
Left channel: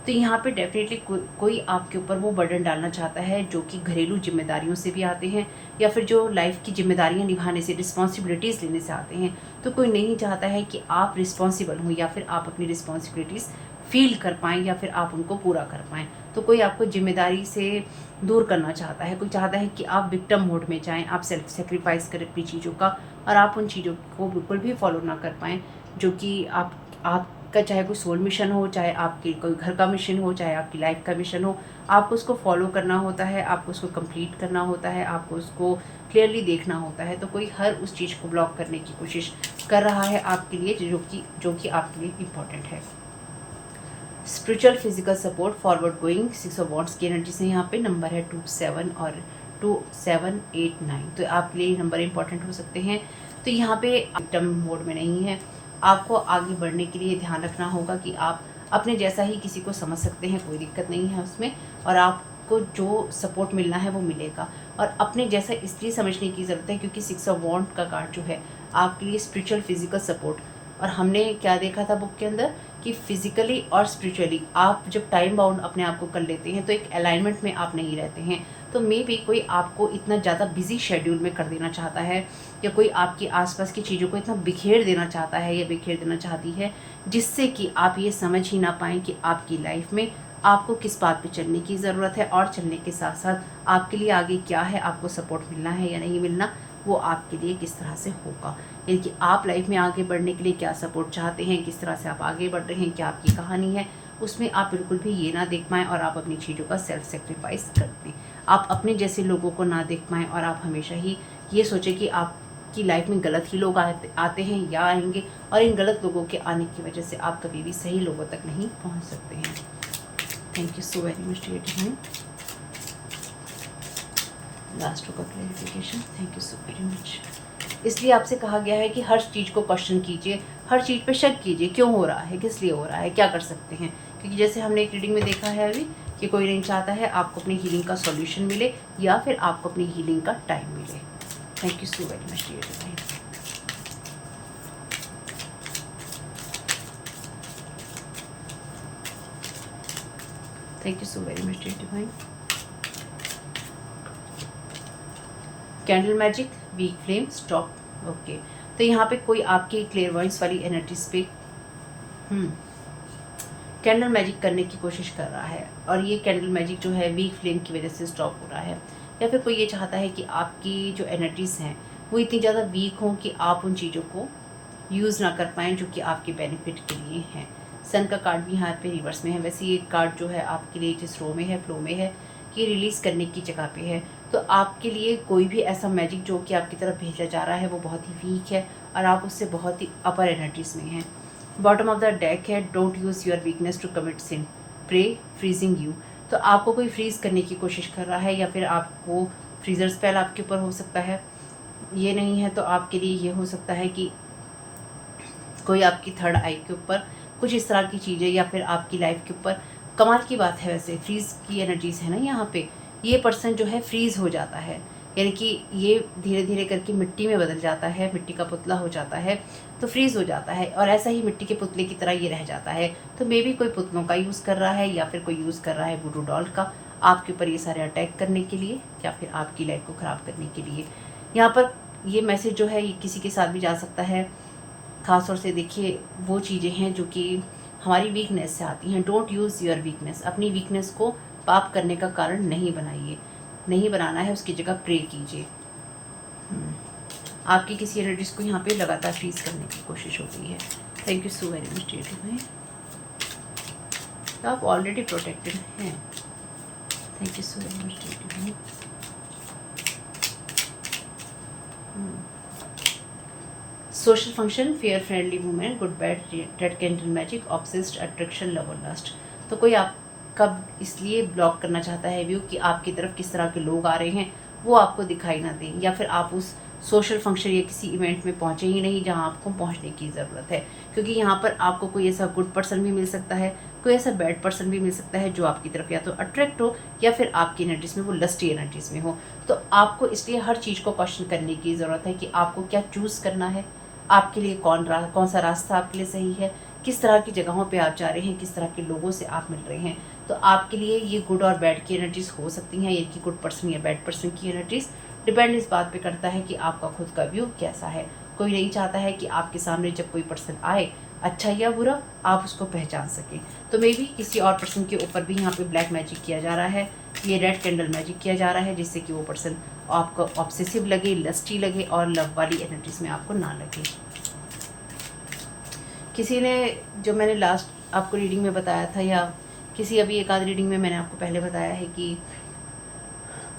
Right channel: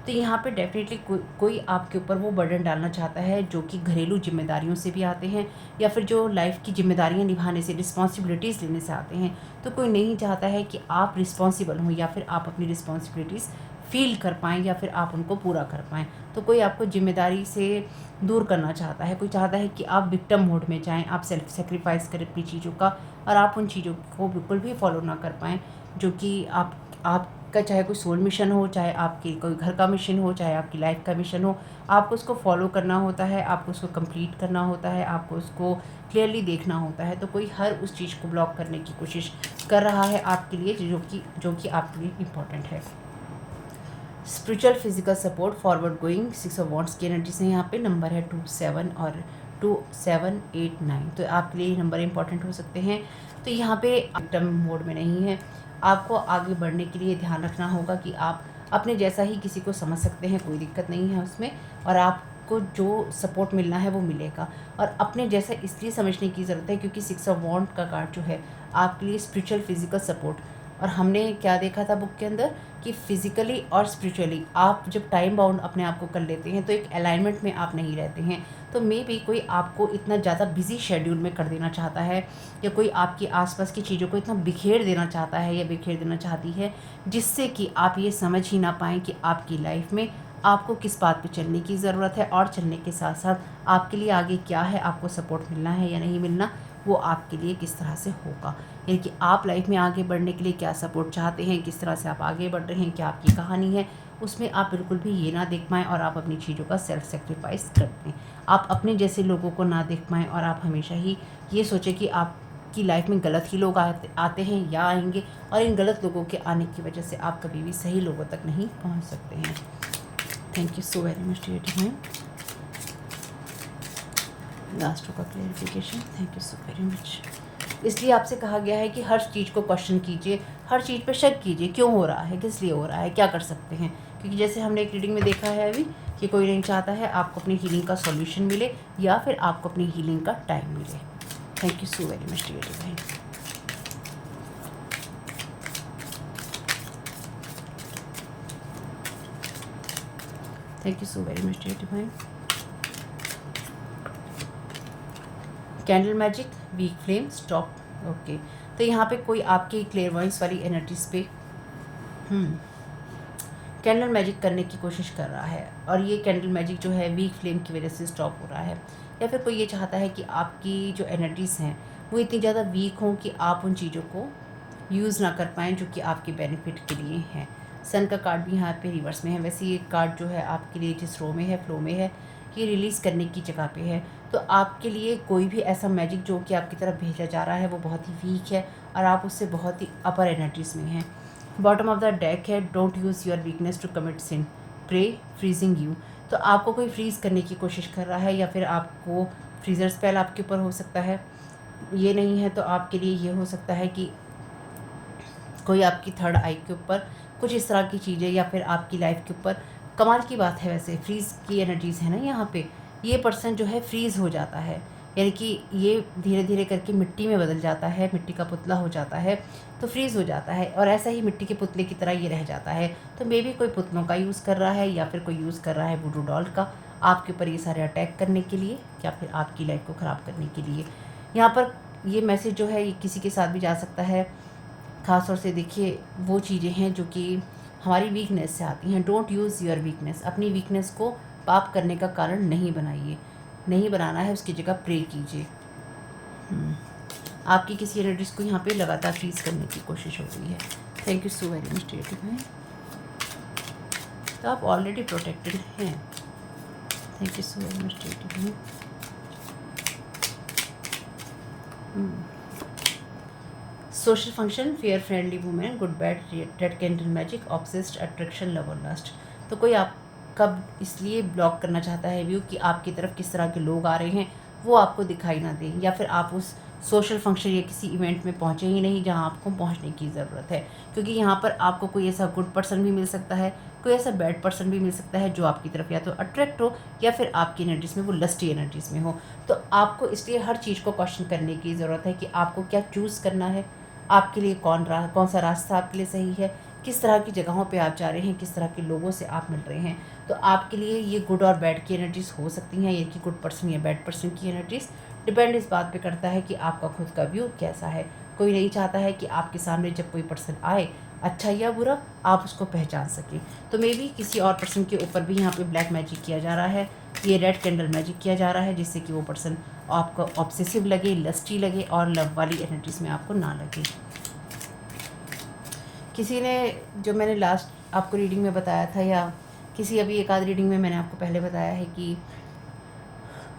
तो यहाँ पे डेफिनेटली कोई आपके ऊपर वो बर्डन डालना चाहता है जो कि घरेलू जिम्मेदारियों से भी आते हैं, या फिर जो लाइफ की जिम्मेदारियाँ निभाने से, रिस्पॉन्सिबिलिटीज़ लेने से आते हैं। तो कोई नहीं चाहता है कि आप रिस्पॉन्सिबल हों, या फिर आप अपनी रिस्पॉन्सिबिलिटीज़ फ़ील कर पाएँ या फिर आप उनको पूरा कर पाएँ। तो कोई आपको ज़िम्मेदारी से दूर करना चाहता है, कोई चाहता है कि आप विक्टिम मोड में जाएँ, आप सेल्फ सैक्रिफ़ाइस करें अपनी चीज़ों का और आप उन चीज़ों को बिल्कुल भी फ़ॉलो ना कर पाएँ, जो कि आपका चाहे कोई सोल मिशन हो, चाहे आपके कोई घर का मिशन हो, चाहे आपकी लाइफ़ का मिशन हो, आपको उसको फ़ॉलो करना होता है, आपको उसको कंप्लीट करना होता है, आपको उसको क्लियरली देखना होता है। तो कोई हर उस चीज़ को ब्लॉक करने की कोशिश कर रहा है आपके लिए, जो कि आपके लिए इम्पोर्टेंट है। Spiritual physical support forward going 6 of wands की एनर्जी से यहाँ पे नंबर है 27 और 2789। तो आपके लिए नंबर इंपॉर्टेंट हो सकते हैं। तो यहाँ पे विक्टिम मोड में नहीं है, आपको आगे बढ़ने के लिए ध्यान रखना होगा कि आप अपने जैसा ही किसी को समझ सकते हैं, कोई दिक्कत नहीं है उसमें, और आपको जो सपोर्ट मिलना है वो मिलेगा। और अपने जैसा इसलिए समझने की ज़रूरत है क्योंकि 6 ऑफ वॉन्ड का कार्ड जो है आपके लिए स्पिरिचुअल फिजिकल सपोर्ट, और हमने क्या देखा था बुक के अंदर कि फिजिकली और स्पिरिचुअली आप जब टाइम बाउंड अपने आप को कर लेते हैं तो एक अलाइनमेंट में आप नहीं रहते हैं। तो मे बी कोई आपको इतना ज़्यादा बिजी शेड्यूल में कर देना चाहता है, या कोई आपकी आसपास की चीज़ों को इतना बिखेर देना चाहता है या बिखेर देना चाहती है, जिससे कि आप ये समझ ही ना पाएँ कि आपकी लाइफ में आपको किस बात पे चलने की ज़रूरत है, और चलने के साथ साथ आपके लिए आगे क्या है, आपको सपोर्ट मिलना है या नहीं मिलना, वो आपके लिए किस तरह से होगा। यानी कि आप लाइफ में आगे बढ़ने के लिए क्या सपोर्ट चाहते हैं, किस तरह से आप आगे बढ़ रहे हैं, क्या आपकी कहानी है, उसमें आप बिल्कुल भी ये ना देख पाएँ और आप अपनी चीज़ों का सेल्फ सेक्रीफाइस कर दें। आप अपने जैसे लोगों को ना देख पाएँ और आप हमेशा ही ये सोचें कि आपकी लाइफ में गलत ही लोग आते हैं या आएँगे, और इन गलत लोगों के आने की वजह से आप कभी भी सही लोगों तक नहीं पहुँच सकते हैं। Thank you so very much dear divine. Last का clarification, thank you so very much. इसलिए आपसे कहा गया है कि हर चीज़ को क्वेश्चन कीजिए, हर चीज़ पे शक कीजिए, क्यों हो रहा है, किस लिए हो रहा है, क्या कर सकते हैं। क्योंकि जैसे हमने एक रीडिंग में देखा है अभी कि कोई नहीं चाहता है आपको अपनी हीलिंग का सॉल्यूशन मिले या फिर आपको अपनी हीलिंग का टाइम मिले। Thank you so very much dear divine. Thank you so very much dear divine. Candle magic, weak flame, stop. Okay, तो यहाँ पे कोई आपकी क्लेयरवॉइंस वाली एनर्जीज पे कैंडल मैजिक करने की कोशिश कर रहा है, और ये कैंडल मैजिक जो है वीक फ्लेम की वजह से स्टॉप हो रहा है। या फिर कोई ये चाहता है कि आपकी जो एनर्जीज़ हैं वो इतनी ज़्यादा वीक हों कि आप उन चीज़ों को यूज़ ना कर पाएँ जो कि आपके बेनिफिट के लिए हैं। सन का कार्ड भी यहाँ पे रिवर्स में है। वैसे ये कार्ड जो है आपके लिए जिस रो में है, फ्लो में है, ये रिलीज़ करने की जगह पे है। तो आपके लिए कोई भी ऐसा मैजिक जो कि आपकी तरफ भेजा जा रहा है वो बहुत ही वीक है और आप उससे बहुत ही अपर एनर्जीज़ में हैं। बॉटम ऑफ द डेक है, don't use your weakness to commit sin, pray freezing you. तो आपको कोई फ्रीज़ करने की कोशिश कर रहा है, या फिर आपको फ्रीज़र स्पेल आपके ऊपर हो सकता है। ये नहीं है तो आपके लिए ये हो सकता है कि कोई आपकी थर्ड आई के ऊपर कुछ इस तरह की चीज़ें, या फिर आपकी लाइफ के ऊपर। कमाल की बात है वैसे, फ्रीज़ की एनर्जीज़ है ना यहाँ पे। ये पर्सन जो है फ्रीज़ हो जाता है, यानी कि ये धीरे धीरे करके मिट्टी में बदल जाता है, मिट्टी का पुतला हो जाता है, तो फ्रीज़ हो जाता है और ऐसा ही मिट्टी के पुतले की तरह ये रह जाता है। तो मे बी कोई पुतलों का यूज़ कर रहा है, या फिर कोई यूज़ कर रहा है वुडू डॉल का आपके ऊपर ये सारे अटैक करने के लिए, या फिर आपकी लाइफ को ख़राब करने के लिए। यहाँ पर ये मैसेज जो है ये किसी के साथ भी जा सकता है। ख़ास तौर से देखिए वो चीज़ें हैं जो कि हमारी वीकनेस से आती हैं। डोंट यूज़ योर वीकनेस, अपनी वीकनेस को पाप करने का कारण नहीं बनाइए, नहीं बनाना है, उसकी जगह प्रे कीजिए। आपकी किसी एनर्जीज को यहाँ पे लगातार फ्रीज करने की कोशिश हो रही है। Thank you so very much dear divine. तो आप ऑलरेडी प्रोटेक्टेड हैं। Thank you so very much dear divine. Social function, fair friendly women, good bad, red candle magic, obsessed, attraction, love और लस्ट। तो कोई आप कब इसलिए ब्लॉक करना चाहता है व्यू कि आपकी तरफ किस तरह के लोग आ रहे हैं वो आपको दिखाई ना दें, या फिर आप उस सोशल फंक्शन या किसी इवेंट में पहुंचे ही नहीं जहां आपको पहुंचने की ज़रूरत है। क्योंकि यहाँ पर आपको कोई ऐसा गुड पर्सन भी मिल सकता है, कोई ऐसा बैड पर्सन भी मिल सकता है जो आपकी तरफ या तो अट्रैक्ट हो या फिर आपकी एनर्जीज़ में वो लस्टी एनर्जीज़ में हो। तो आपको इसलिए हर चीज़ को क्वेश्चन करने की ज़रूरत है कि आपको क्या चूज़ करना है, आपके लिए कौन सा रास्ता आपके लिए सही है, किस तरह की जगहों पे आप जा रहे हैं, किस तरह के लोगों से आप मिल रहे हैं। तो आपके लिए ये गुड और बैड की एनर्जीज़ हो सकती हैं, यानी कि गुड पर्सन या बैड पर्सन की एनर्जीज़। डिपेंड इस बात पे करता है कि आपका खुद का व्यू कैसा है। कोई नहीं चाहता है कि आपके सामने जब कोई पर्सन आए अच्छा या बुरा, आप उसको पहचान सकें। तो मे बी किसी और पर्सन के ऊपर भी यहाँ पे ब्लैक मैजिक किया जा रहा है, ये रेड कैंडल मैजिक किया जा रहा है, जिससे कि वो पर्सन आपको ऑब्सेसिव लगे, लस्टी लगे और लव वाली एनर्जीज में आपको ना लगे। किसी ने, जो मैंने लास्ट आपको रीडिंग में बताया था, या किसी अभी एक आध रीडिंग में मैंने आपको पहले बताया है कि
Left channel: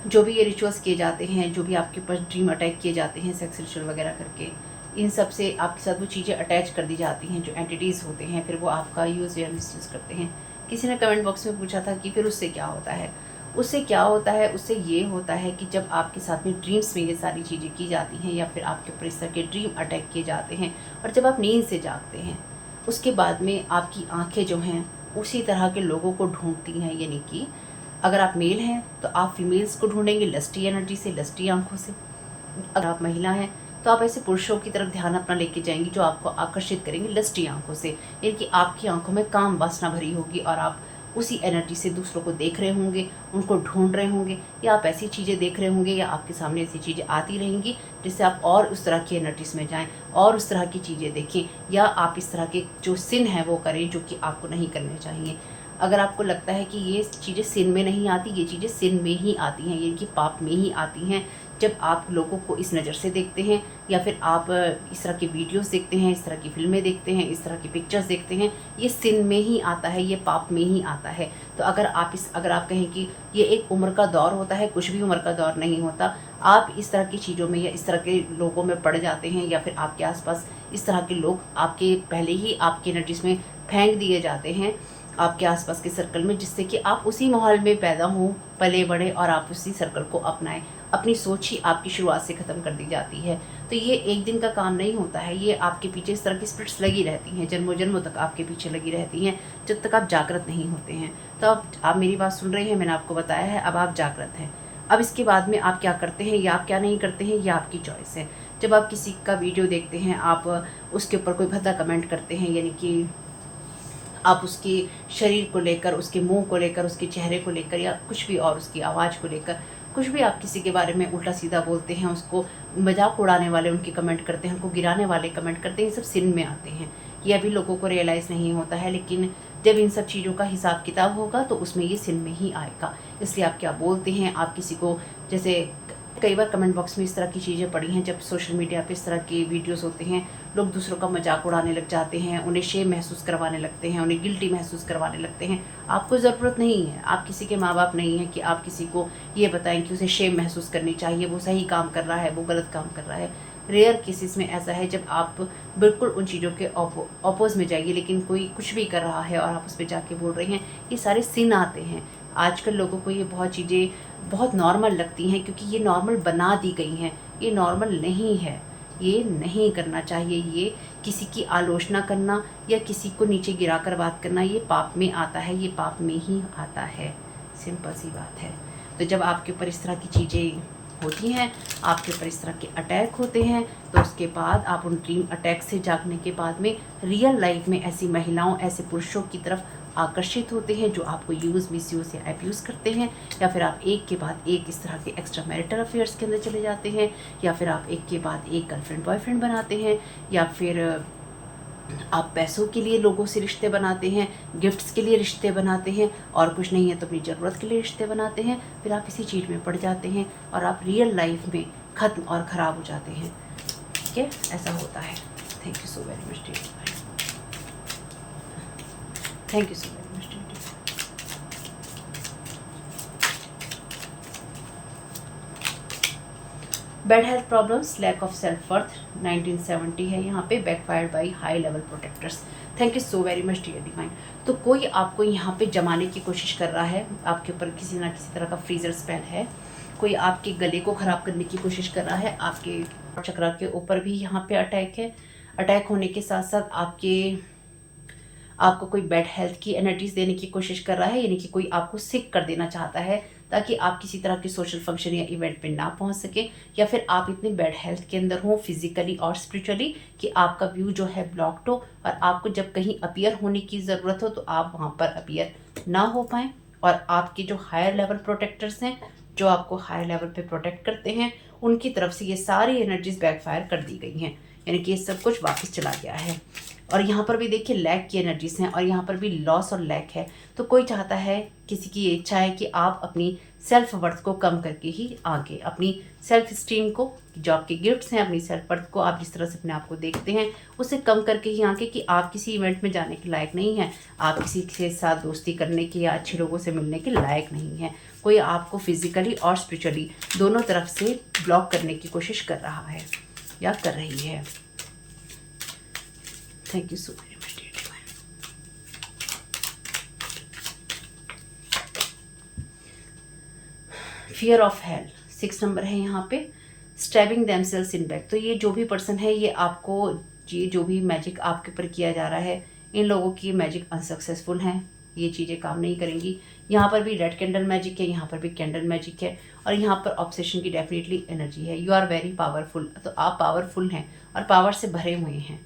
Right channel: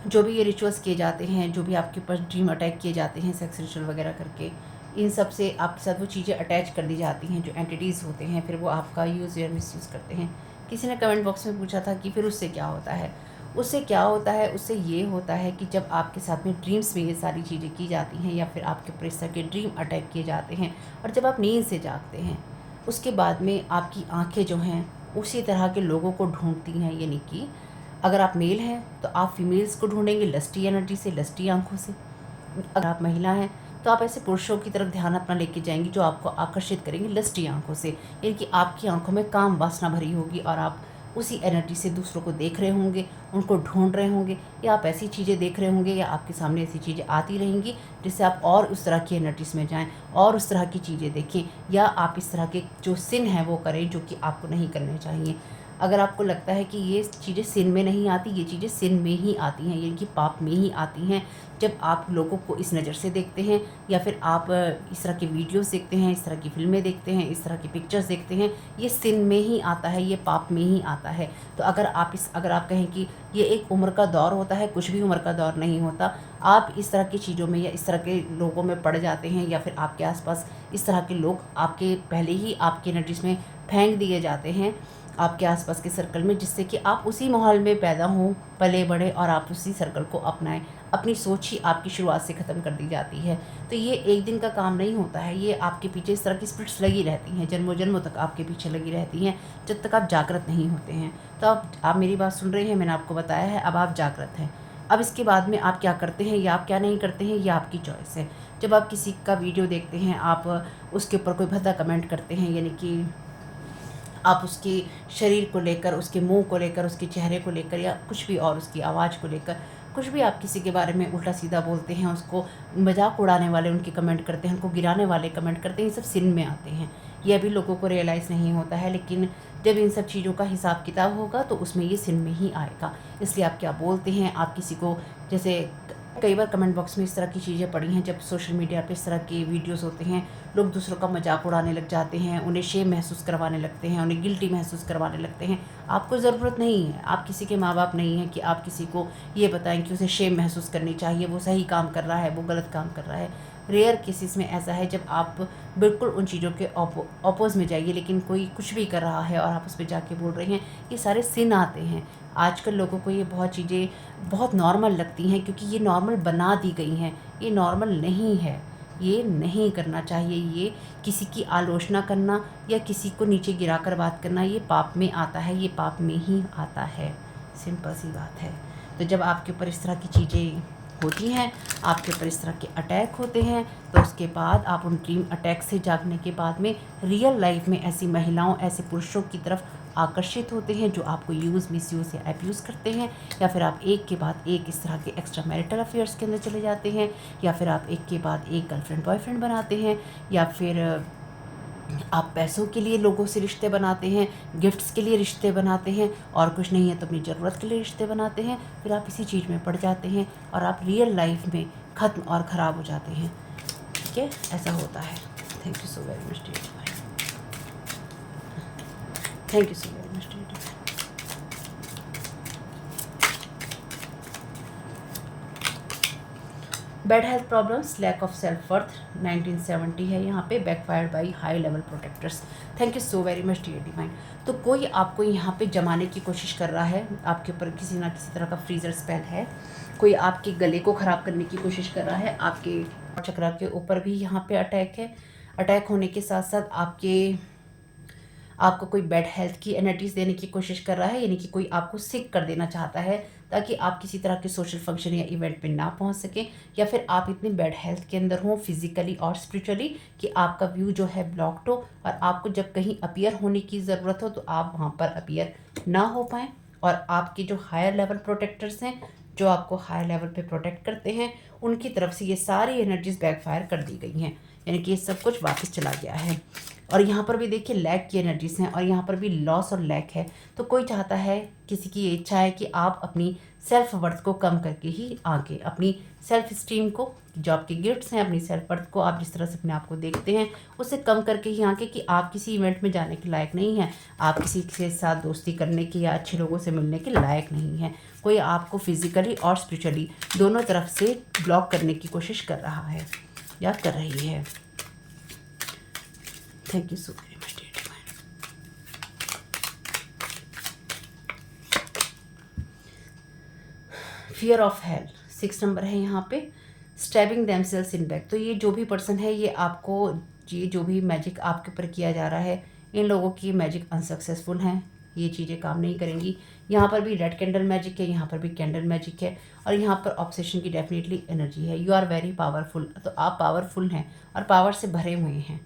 जो भी ये रिचुअल्स किए जाते हैं, जो भी आपके ऊपर ड्रीम अटैक किए जाते हैं सेक्स रिचुअल वगैरह करके, इन सब से आपके साथ वो चीज़ें अटैच कर दी जाती हैं जो एंटिटीज़ होते हैं, फिर वो आपका यूज़ या मिसयूज़ करते हैं। किसी ने कमेंट बॉक्स में पूछा था कि फिर उससे क्या होता है। उससे क्या होता है, उससे ये होता है कि जब आपके साथ में ड्रीम्स में ये सारी चीज़ें की जाती हैं या फिर आपके ऊपर इस तरह के ड्रीम अटैक किए जाते हैं, और जब आप नींद से जागते हैं, उसके बाद में आपकी आँखें जो हैं उसी तरह के लोगों को ढूँढती हैं। यानी कि अगर आप मेल हैं तो आप फीमेल्स को ढूंढेंगे लस्टी एनर्जी से, लस्टी आंखों से। अगर आप महिला हैं तो आप ऐसे पुरुषों की तरफ ध्यान अपना लेके जाएंगी जो आपको आकर्षित करेंगे लस्टी आंखों से। यानी कि आपकी आंखों में काम वासना भरी होगी और आप उसी एनर्जी से दूसरों को देख रहे होंगे, उनको ढूंढ रहे होंगे, या आप ऐसी चीज़ें देख रहे होंगे या आपके सामने ऐसी चीज़ें आती रहेंगी जिससे आप और उस तरह की एनर्जीज में जाएं और उस तरह की चीज़ें देखें, या आप इस तरह के जो सिन हैं वो करें जो कि आपको नहीं करने चाहिए। अगर आपको लगता है कि ये चीज़ें सिन में नहीं आती, ये चीज़ें सिन में ही आती हैं, यानी कि पाप में ही आती हैं, जब आप लोगों को इस नज़र से देखते हैं या फिर आप इस तरह के वीडियोस देखते हैं, इस तरह की फ़िल्में देखते हैं, इस तरह की पिक्चर्स देखते हैं, ये सिन में ही आता है, ये पाप में ही आता है। तो अगर आप कहें कि ये एक उम्र का दौर होता है, कुछ भी उम्र का दौर नहीं होता। आप इस तरह की चीज़ों में या इस तरह के लोगों में पड़ जाते हैं, या फिर आपके आस-पास इस तरह के लोग आपके पहले ही आपकी एनर्जीज़ में फेंक दिए जाते हैं आपके आसपास के सर्कल में, जिससे कि आप उसी माहौल में पैदा हों, पले बढ़े और आप उसी सर्कल को अपनाएं। अपनी सोच ही आपकी शुरुआत से ख़त्म कर दी जाती है। तो ये एक दिन का काम नहीं होता है, ये आपके पीछे इस तरह की स्पिरिट्स लगी रहती हैं, जन्मों जन्मों तक आपके पीछे लगी रहती हैं, जब तक आप जागृत नहीं होते हैं। तो अब आप मेरी बात सुन रहे हैं, मैंने आपको बताया है, अब आप जागृत हैं। अब इसके बाद में आप क्या करते हैं या आप क्या नहीं करते हैं, ये आपकी चॉइस है। जब आप किसी का वीडियो देखते हैं, आप उसके ऊपर कोई भद्दा कमेंट करते हैं, यानी कि आप उसके शरीर को लेकर, उसके मुंह को लेकर, उसके चेहरे को लेकर, या कुछ भी और उसकी आवाज़ को लेकर कुछ भी आप किसी के बारे में उल्टा सीधा बोलते हैं, उसको मजाक उड़ाने वाले उनके कमेंट करते हैं, उनको गिराने वाले कमेंट करते हैं, ये सब सिन में आते हैं। ये अभी लोगों को रियलाइज़ नहीं होता है, लेकिन जब इन सब चीज़ों का हिसाब किताब होगा तो उसमें ये सिन में ही आएगा। इसलिए आप क्या बोलते हैं, आप किसी को, जैसे कई बार कमेंट बॉक्स में इस तरह की चीज़ें पड़ी हैं, जब सोशल मीडिया पे इस तरह के वीडियोस होते हैं, लोग दूसरों का मजाक उड़ाने लग जाते हैं, उन्हें शेम महसूस करवाने लगते हैं, उन्हें गिल्टी महसूस करवाने लगते हैं। आपको ज़रूरत नहीं है, आप किसी के माँ बाप नहीं हैं कि आप किसी को ये बताएं कि उसे शेम महसूस करनी चाहिए, वो सही काम कर रहा है, वो गलत काम कर रहा है। रेयर केसेस में ऐसा है जब आप बिल्कुल उन चीज़ों के ऑपोज में जाइए, लेकिन कोई कुछ भी कर रहा है और आप उस पर जाके बोल रहे हैं, ये सारे सिन आते हैं। आजकल लोगों को ये बहुत चीज़ें बहुत नॉर्मल लगती हैं, क्योंकि ये नॉर्मल बना दी गई हैं। ये नॉर्मल नहीं है, ये नहीं करना चाहिए। ये किसी की आलोचना करना या किसी को नीचे गिराकर बात करना, ये पाप में आता है, ये पाप में ही आता है। सिंपल सी बात है। तो जब आपके ऊपर इस तरह की चीज़ें होती हैं, आपके ऊपर इस तरह के अटैक होते हैं, तो उसके बाद आप उन ड्रीम अटैक से जागने के बाद में रियल लाइफ में ऐसी महिलाओं, ऐसे पुरुषों की तरफ आकर्षित होते हैं जो आपको यूज़, मिसयूज़ या अब्यूज़ करते हैं, या फिर आप एक के बाद एक इस तरह के एक्स्ट्रा मैरिटल अफेयर्स के अंदर चले जाते हैं, या फिर आप एक के बाद एक गर्लफ्रेंड बॉयफ्रेंड बनाते हैं, या फिर आप पैसों के लिए लोगों से रिश्ते बनाते हैं, गिफ्ट्स के लिए रिश्ते बनाते हैं, और कुछ नहीं है तो अपनी ज़रूरत के लिए रिश्ते बनाते हैं। फिर आप इसी चीज़ में पड़ जाते हैं और आप रियल लाइफ में ख़त्म और ख़राब हो जाते हैं। ठीक है, ऐसा होता है। Thank you so very much dear. Thank you so very much dear. Bad health problems, lack of self worth, 1970 है यहाँ पे, backfired by high level protectors. Thank you so very much dear divine. तो कोई आपको यहाँ पे जमाने की कोशिश कर रहा है, आपके ऊपर किसी ना किसी तरह का फ्रीजर स्पेल है, कोई आपके गले को ख़राब करने की कोशिश कर रहा है, आपके चक्रा के ऊपर भी यहाँ पे अटैक है। अटैक होने के साथ साथ आपको कोई बैड हेल्थ की एनर्जीज देने की कोशिश कर रहा है, यानी कि कोई आपको सिक कर देना चाहता है ताकि आप किसी तरह के सोशल फंक्शन या इवेंट पे ना पहुंच सके, या फिर आप इतने बैड हेल्थ के अंदर हो फिजिकली और स्पिरिचुअली कि आपका व्यू जो है ब्लॉक्ड हो, और आपको जब कहीं अपीयर होने की ज़रूरत हो तो आप वहाँ पर अपीयर ना हो पाएँ, और आपके जो हायर लेवल प्रोटेक्टर्स हैं, जो आपको हायर लेवल पे प्रोटेक्ट करते हैं, उनकी तरफ से ये सारी एनर्जीज बैकफायर कर दी गई हैं, यानी कि ये सब कुछ वापस चला गया है। और यहाँ पर भी देखिए लैक की एनर्जीज हैं और यहाँ पर भी लॉस और लैक है। तो कोई चाहता है, किसी की इच्छा है कि आप अपनी सेल्फ वर्थ को कम करके ही आगे अपनी सेल्फ स्टीम को, जो आपके गिफ्ट्स हैं, अपनी सेल्फ वर्थ को आप जिस तरह से अपने आप को देखते हैं उसे कम करके ही आगे कि आप किसी इवेंट में जाने के लायक नहीं हैं, आप किसी के साथ दोस्ती करने की या अच्छे लोगों से मिलने के लायक नहीं हैं। कोई आपको फिजिकली और स्पिरिचुअली दोनों तरफ से ब्लॉक करने की कोशिश कर रहा है या कर रही है। Thank you so very much. Fear of hell 6 number है यहाँ पे। Stabbing themselves in back. तो ये जो भी पर्सन है, ये आपको, ये जो भी मैजिक आपके ऊपर किया जा रहा है, इन लोगों की मैजिक अनसक्सेसफुल हैं, ये चीज़ें काम नहीं करेंगी। यहाँ पर भी रेड कैंडल मैजिक है, यहाँ पर भी कैंडल मैजिक है और यहाँ पर ऑब्सेशन की डेफिनेटली एनर्जी है। You are very powerful. तो आप पावरफुल हैं और पावर से भरे हुए हैं,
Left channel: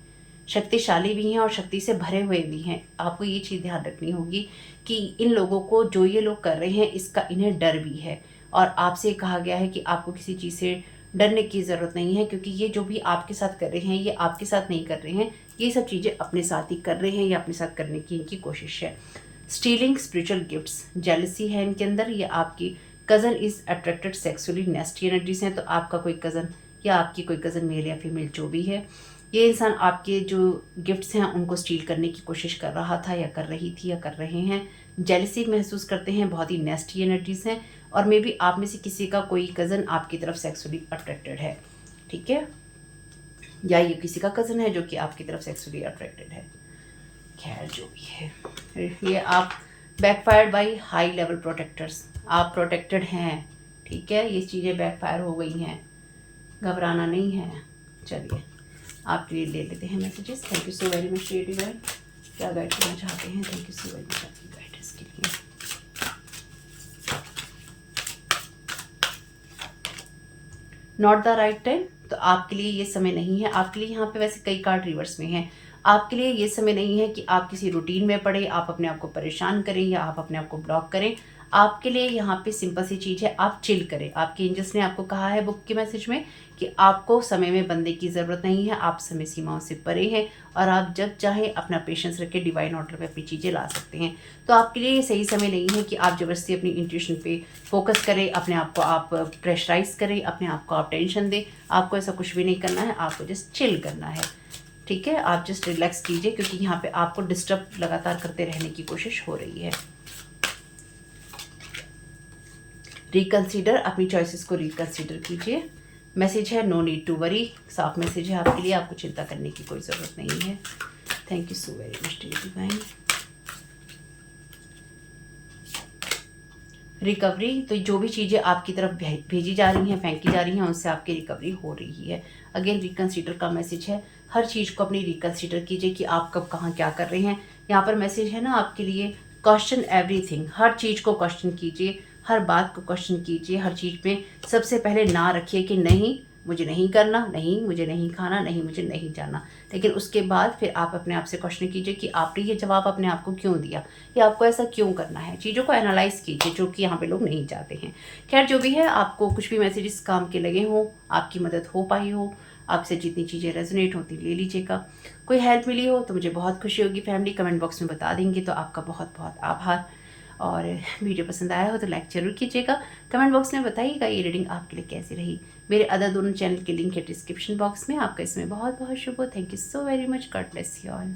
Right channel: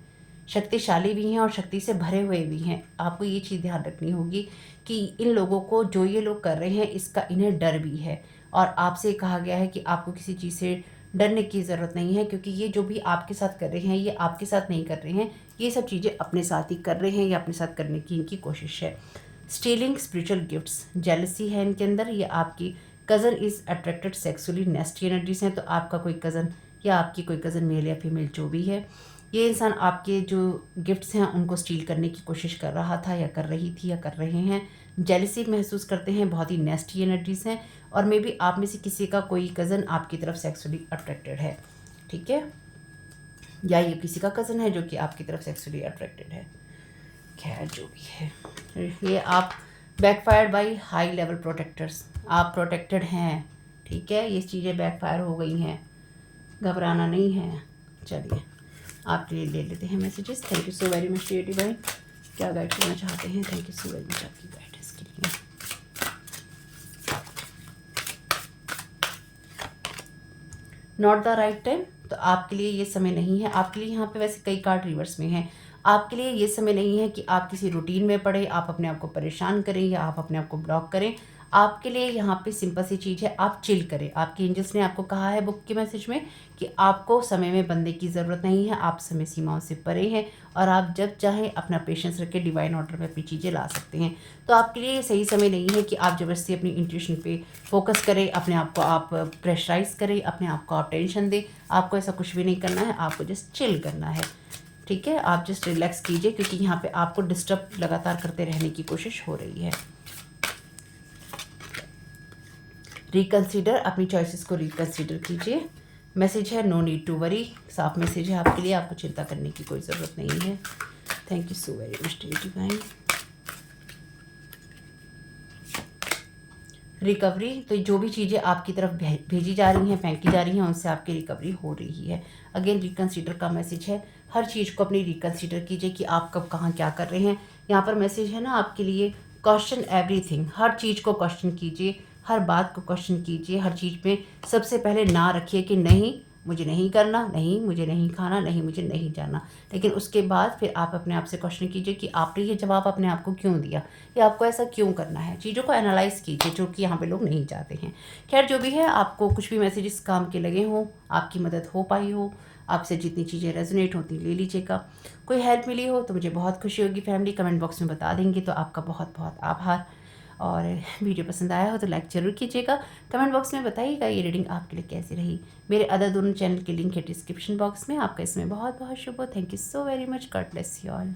शक्तिशाली भी हैं और शक्ति से भरे हुए भी हैं। आपको ये चीज़ ध्यान रखनी होगी कि इन लोगों को, जो ये लोग कर रहे हैं, इसका इन्हें डर भी है और आपसे कहा गया है कि आपको किसी चीज़ से डरने की ज़रूरत नहीं है, क्योंकि ये जो भी आपके साथ कर रहे हैं, ये आपके साथ नहीं कर रहे हैं, ये सब चीज़ें अपने साथ ही कर रहे हैं या अपने साथ करने की इनकी कोशिश है। स्टीलिंग स्पिरिचुअल गिफ्ट्स, जेलसी है इनके अंदर। ये आपकी cousin is attracted sexually, नेस्टी energies हैं। तो आपका कोई कज़न या आपकी कोई कज़न मेल या फीमेल जो भी है, ये इंसान आपके जो गिफ्ट्स हैं उनको स्टील करने की कोशिश कर रहा था या कर रही थी या कर रहे हैं। जेलसी महसूस करते हैं, बहुत ही नेस्टी एनर्जीज हैं और मे बी आप में से किसी का कोई कज़न आपकी तरफ सेक्सुअली अट्रैक्टेड है, ठीक है, या ये किसी का कज़न है जो कि आपकी तरफ सेक्सुअली अट्रैक्टेड है। खैर जो भी है, ये आप backfired by high level protectors, आप प्रोटेक्टेड हैं, ठीक है, ये चीज़ें बैकफायर हो गई हैं, घबराना नहीं है। चलिए आपके लिए ले लेते हैं messages. Thank you so very much creative भाई, क्या गाइड करना चाहते हैं? Thank you so very much आपकी गाइडेंस के लिए। नॉट द राइट टाइम, तो आपके लिए ये समय नहीं है। आपके लिए यहाँ पे वैसे कई कार्ड रिवर्स में हैं। आपके लिए ये समय नहीं है कि आप किसी रूटीन में पड़े, आप अपने आप को परेशान करें या आप अपने आप को ब्लॉक करें। आपके लिए यहाँ पे सिंपल सी चीज़ है, आप चिल करें। आपके एंजल्स ने आपको कहा है बुक के मैसेज में कि आपको समय में बंदे की ज़रूरत नहीं है, आप समय सीमाओं से परे हैं और आप जब चाहें अपना पेशेंस रख के डिवाइन ऑर्डर पे अपनी चीज़ें ला सकते हैं। तो आपके लिए ये सही समय नहीं है कि आप ज़बरदस्ती अपनी इंट्यूशन पे फोकस करें, अपने आप को आप प्रेशराइज करें, अपने आप को आप टेंशन दें। आपको ऐसा कुछ भी नहीं करना है, आपको जस्ट चिल करना है, ठीक है। आप जस्ट रिलैक्स कीजिए क्योंकि यहाँ पे आपको डिस्टर्ब लगातार करते रहने की कोशिश हो रही है। रिकंसीडर, अपनी चॉइसेस को रिकंसीडर कीजिए। मैसेज है नो नीड टू वरी, साफ मैसेज है आपके लिए, आपको चिंता करने की कोई ज़रूरत नहीं है। Thank you so very much divine. Recovery, तो जो भी चीज़ें आपकी तरफ भेजी जा रही हैं, फेंकी जा रही हैं, उनसे आपकी रिकवरी हो रही है। अगेन रिकंसीडर का मैसेज है, हर चीज़ को अपनी रिकंसीडर कीजिए कि आप कब कहाँ क्या कर रहे हैं। यहाँ पर मैसेज है ना आपके लिए, क्वेश्चन एवरीथिंग, हर चीज़ को क्वेश्चन कीजिए, हर बात को क्वेश्चन कीजिए। हर चीज़ में सबसे पहले ना रखिए कि नहीं मुझे नहीं करना, नहीं मुझे नहीं खाना, नहीं मुझे नहीं जाना। लेकिन उसके बाद फिर आप अपने आप से क्वेश्चन कीजिए कि आपने ये जवाब अपने आप को क्यों दिया या आपको ऐसा क्यों करना है। चीज़ों को एनालाइज कीजिए, जो कि यहाँ पे लोग नहीं चाहते हैं। खैर जो भी है, आपको कुछ भी मैसेजेस काम के लगे हों, आपकी मदद हो पाई हो, आपसे जितनी चीज़ें रेजोनेट होती ले लीजिएगा। कोई हेल्प मिली हो तो मुझे बहुत खुशी होगी। फैमिली कमेंट बॉक्स में बता देंगे तो आपका बहुत बहुत आभार। और वीडियो पसंद आया हो तो लाइक ज़रूर कीजिएगा। कमेंट बॉक्स में बताइएगा ये रीडिंग आपके लिए कैसी रही। मेरे अदर दोनों चैनल के लिंक है डिस्क्रिप्शन बॉक्स में। आपका इसमें बहुत बहुत शुभ हो। Thank you so very much. God bless you all.